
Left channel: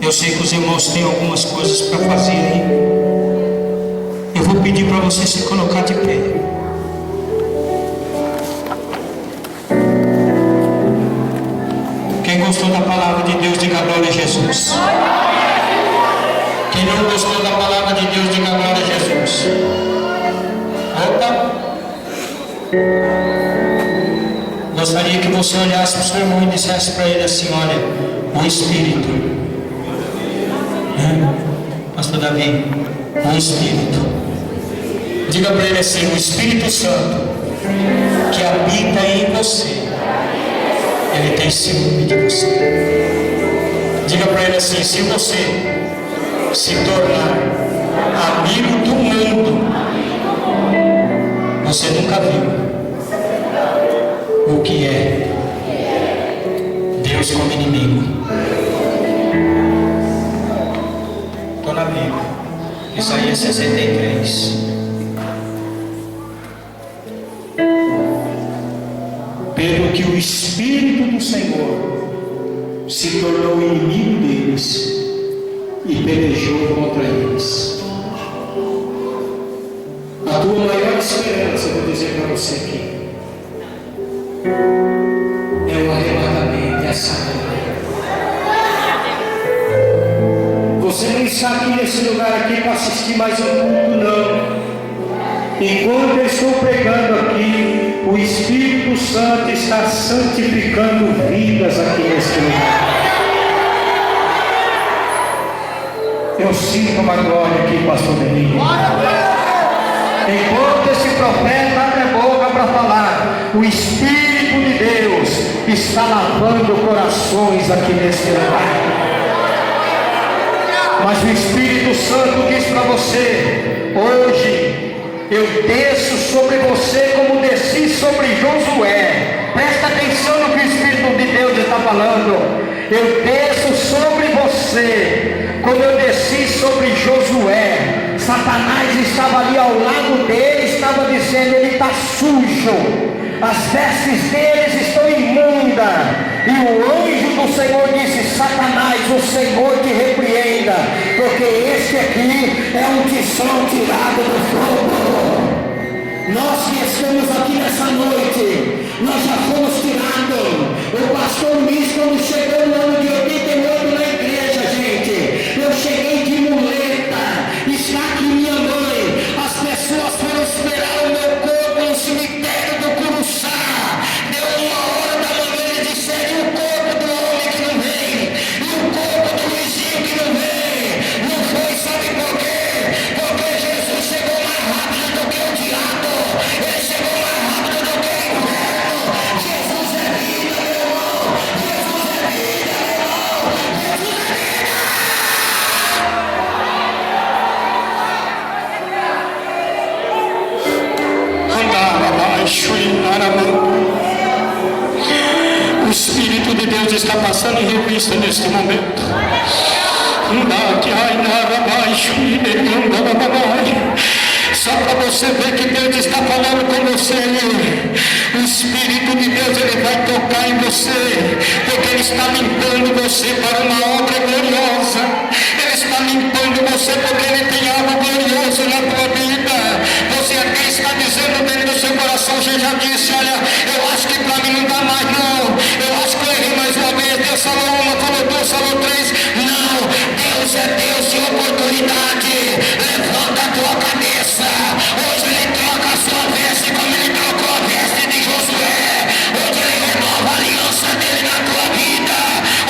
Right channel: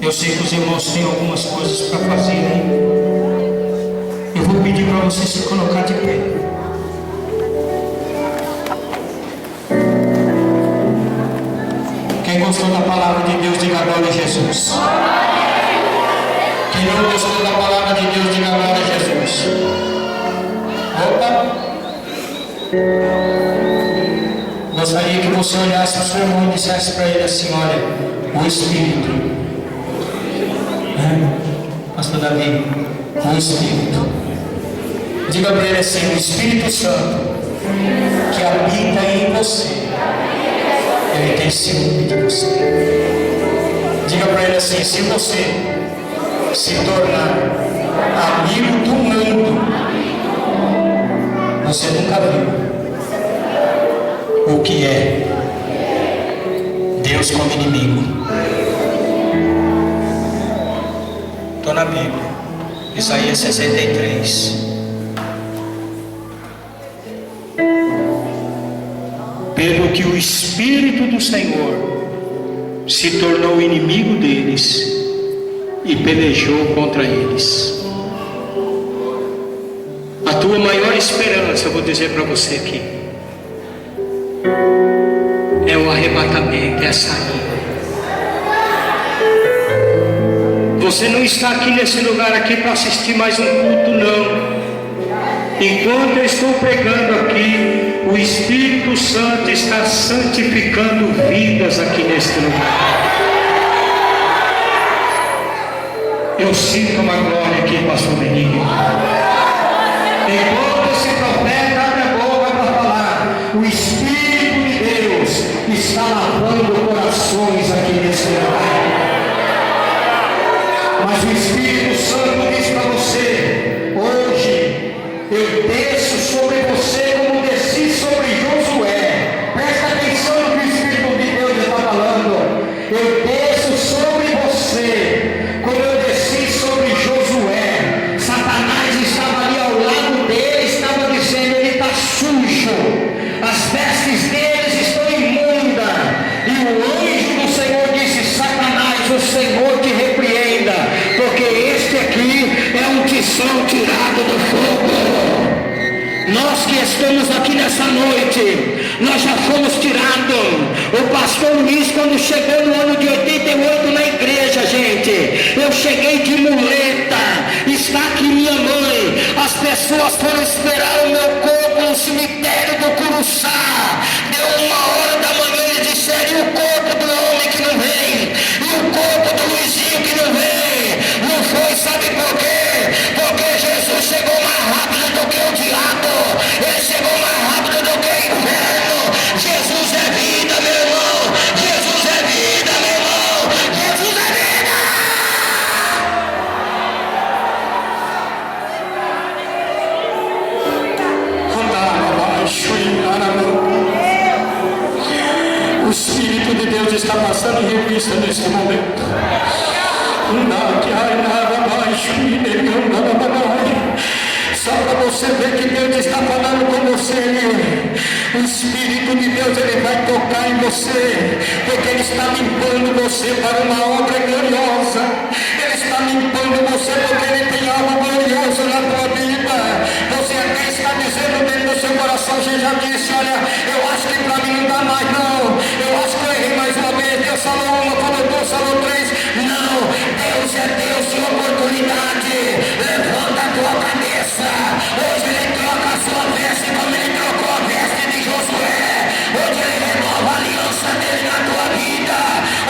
Eu sei que os irmãos têm algumas coisas para fazer aí. Eu vou pedir para você se colocar de pé. Quem gostou da palavra de Deus, diga glória a Jesus. Quem não gostou da palavra de Deus, diga glória a Jesus. Opa! Gostaria que você olhasse para o seu irmão e dissesse para ele assim: olha, o Espírito, né? Pastor Davi, o Espírito, diga para ele assim: o Espírito Santo que habita em você, ele tem ciúme de você. Diga para ele assim: se você se tornar amigo do mundo, você nunca viu o que é Deus como inimigo. Estou na Bíblia, Isaías 63. vendo que o Espírito do Senhor se tornou inimigo deles e pelejou contra eles. A tua maior esperança, eu vou dizer para você aqui, é o arrebatamento, é a saída. Você não está aqui nesse lugar aqui para assistir mais um culto, não. Enquanto eu estou pregando aqui, o Espírito Santo está santificando vidas aqui neste lugar. Eu sinto uma glória aqui, pastor Benigno. Enquanto esse profeta abre a boca para falar, o Espírito de Deus está lavando corações aqui nesse lugar. Mas o Espírito Santo diz para você: hoje eu desço sobre você como desci sobre Josué. Presta atenção no que o Espírito de Deus está falando. Eu desço sobre você como eu desci sobre Josué. Satanás estava ali ao lado dele, estava dizendo: ele está sujo, as vestes deles estão imundas. E o anjo do Senhor disse: Satanás, o Senhor te repreenda, porque este aqui é um tição tirado do fogo. Nós que estamos aqui nessa noite, nós já fomos tirados. O pastor Luiz, quando chegou no ano de 88 na igreja, gente, eu cheguei de muleta, está aqui minha mãe. As pessoas foram esperar o meu corpo no cemitério do Curuçá. Deu 1h da manhã, eles disseram: e o corpo do homem que não vem? E o corpo do Luizinho que não vem? Não foi, sabe por quê? Porque Jesus chegou mais rápido do que o diabo. Ele chegou mais rápido do que o inferno. Jesus é vida, meu irmão. Jesus é vida, meu irmão. Jesus é vida. Andava abaixo e aramão. O Espírito de Deus está passando em revista neste momento. Só para você ver que Deus está falando com você. O Espírito de Deus, ele vai tocar em você, porque ele está limpando você para uma obra gloriosa. Ele está limpando você porque ele tem algo glorioso na tua vida. Você até está dizendo dentro do seu coração, você já disse: olha, eu acho que para mim não dá mais não. Eu acho que eu errei mais uma vez. Deus falou uma, falou duas, falou três. Não, Deus é Deus de oportunidade. Levanta a tua cabeça. Hoje ele troca a sua veste como ele trocou a veste de Josué. Hoje ele renova a aliança dele na tua vida.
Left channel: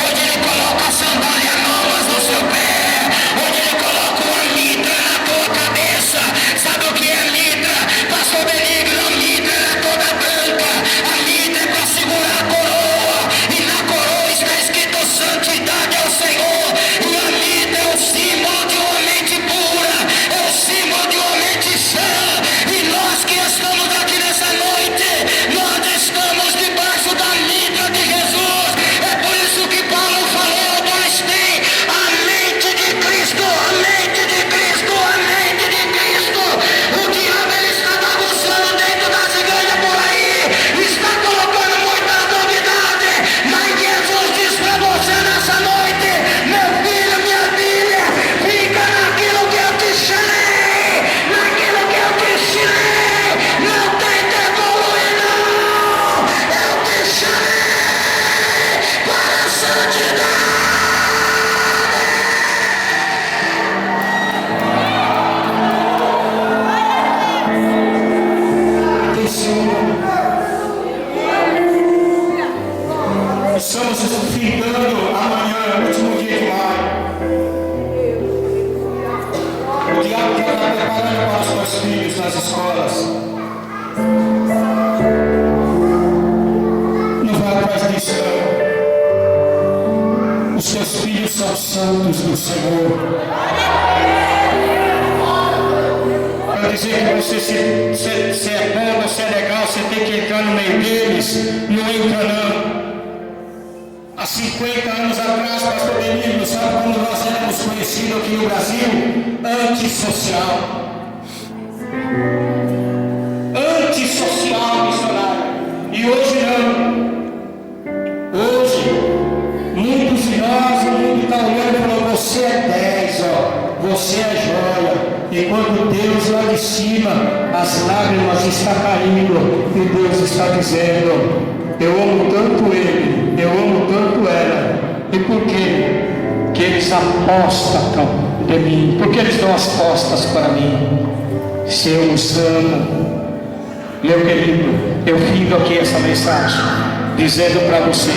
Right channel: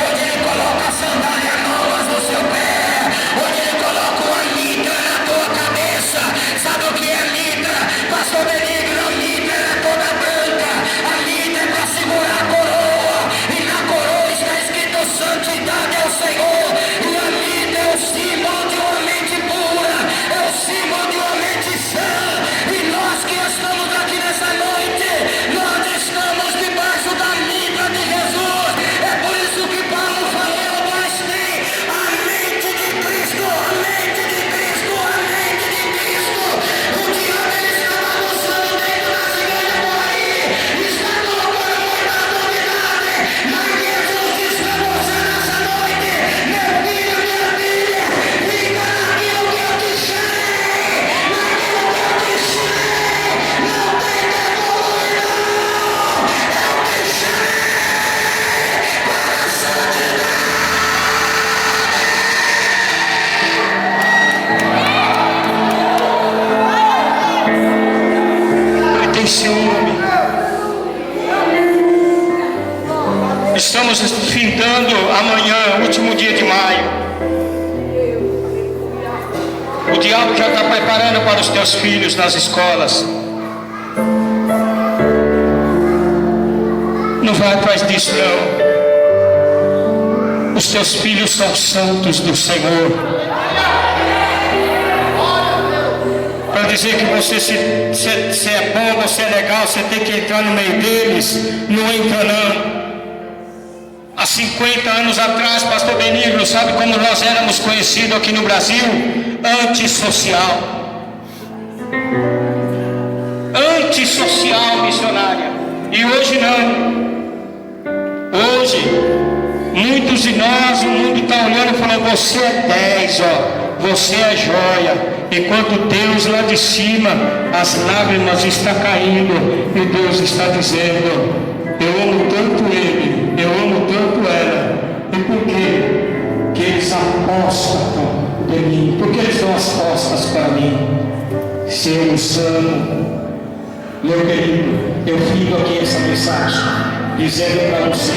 Hoje ele coloca a sandália novas no seu pé. Hoje ele coloca uma mitra na tua cabeça. Sabe o que é mitra? Pastor Benigno, a mitra é toda branca. A mitra é para segurar a coroa. E na coroa está escrito: santidade ao Senhor. E a mitra é o símbolo de uma mente pura. É o símbolo de uma mente sã. E nós que estamos aqui nessa noite, nós estamos debaixo da mitra de Jesus. É por isso que Paulo falou: nós tem a mente de Cristo, a mente de Cristo, a mente de Cristo. O diabo, ele está bagunçando dentro das igrejas por aí, está colocando muita novidade. Mas Jesus diz para você nessa noite: meu filho, minha filha, fica naquilo que eu te chamei, naquilo que eu te chamei. Não tenta evoluir, não. Eu te chamei para a santidade. Tem seu nome. Estamos findando amanhã, último dia de maio. O diabo já está preparando para os teus filhos nas escolas. Não vai atrás disso, não. Os teus filhos são santos do Senhor. Para dizer que você se é bom, você é legal, você tem que entrar no meio deles, não entra não. Há 50 anos atrás, pastor Benigno, sabe como nós éramos conhecidos aqui no Brasil? Antissocial. Antissocial, missionária. E hoje não. está olhando e falando, você é 10, ó, você é joia. Enquanto Deus lá de cima, as lágrimas estão caindo, e Deus está dizendo, eu amo tanto ele, eu amo tanto ela. E por quê? Que eles apostam de mim, porque eles dão as costas para mim. Se eu os amo, meu querido, eu fico aqui essa mensagem, dizendo para você,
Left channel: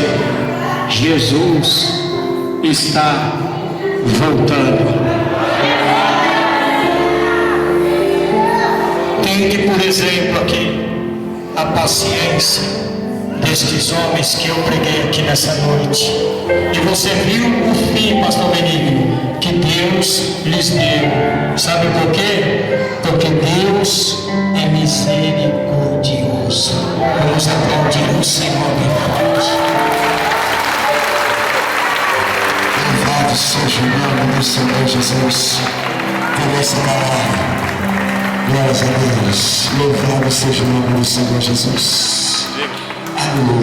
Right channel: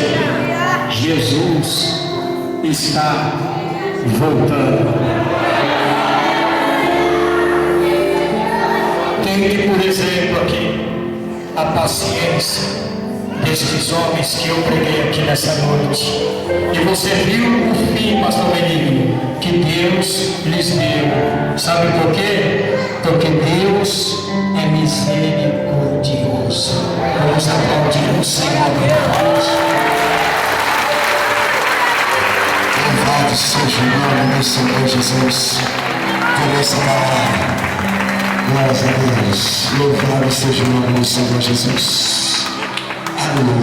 Jesus está voltando. Tente, por exemplo, aqui a paciência destes homens que eu preguei aqui nessa noite. E você viu o fim, pastor Benigno, que Deus lhes deu. Sabe por quê? Porque Deus é misericordioso. Vamos aplaudir o Senhor bem forte. Louvado seja o nome do Senhor Jesus. Por essa palavra. Glórias a Deus. Louvado seja o nome do Senhor Jesus. Aleluia.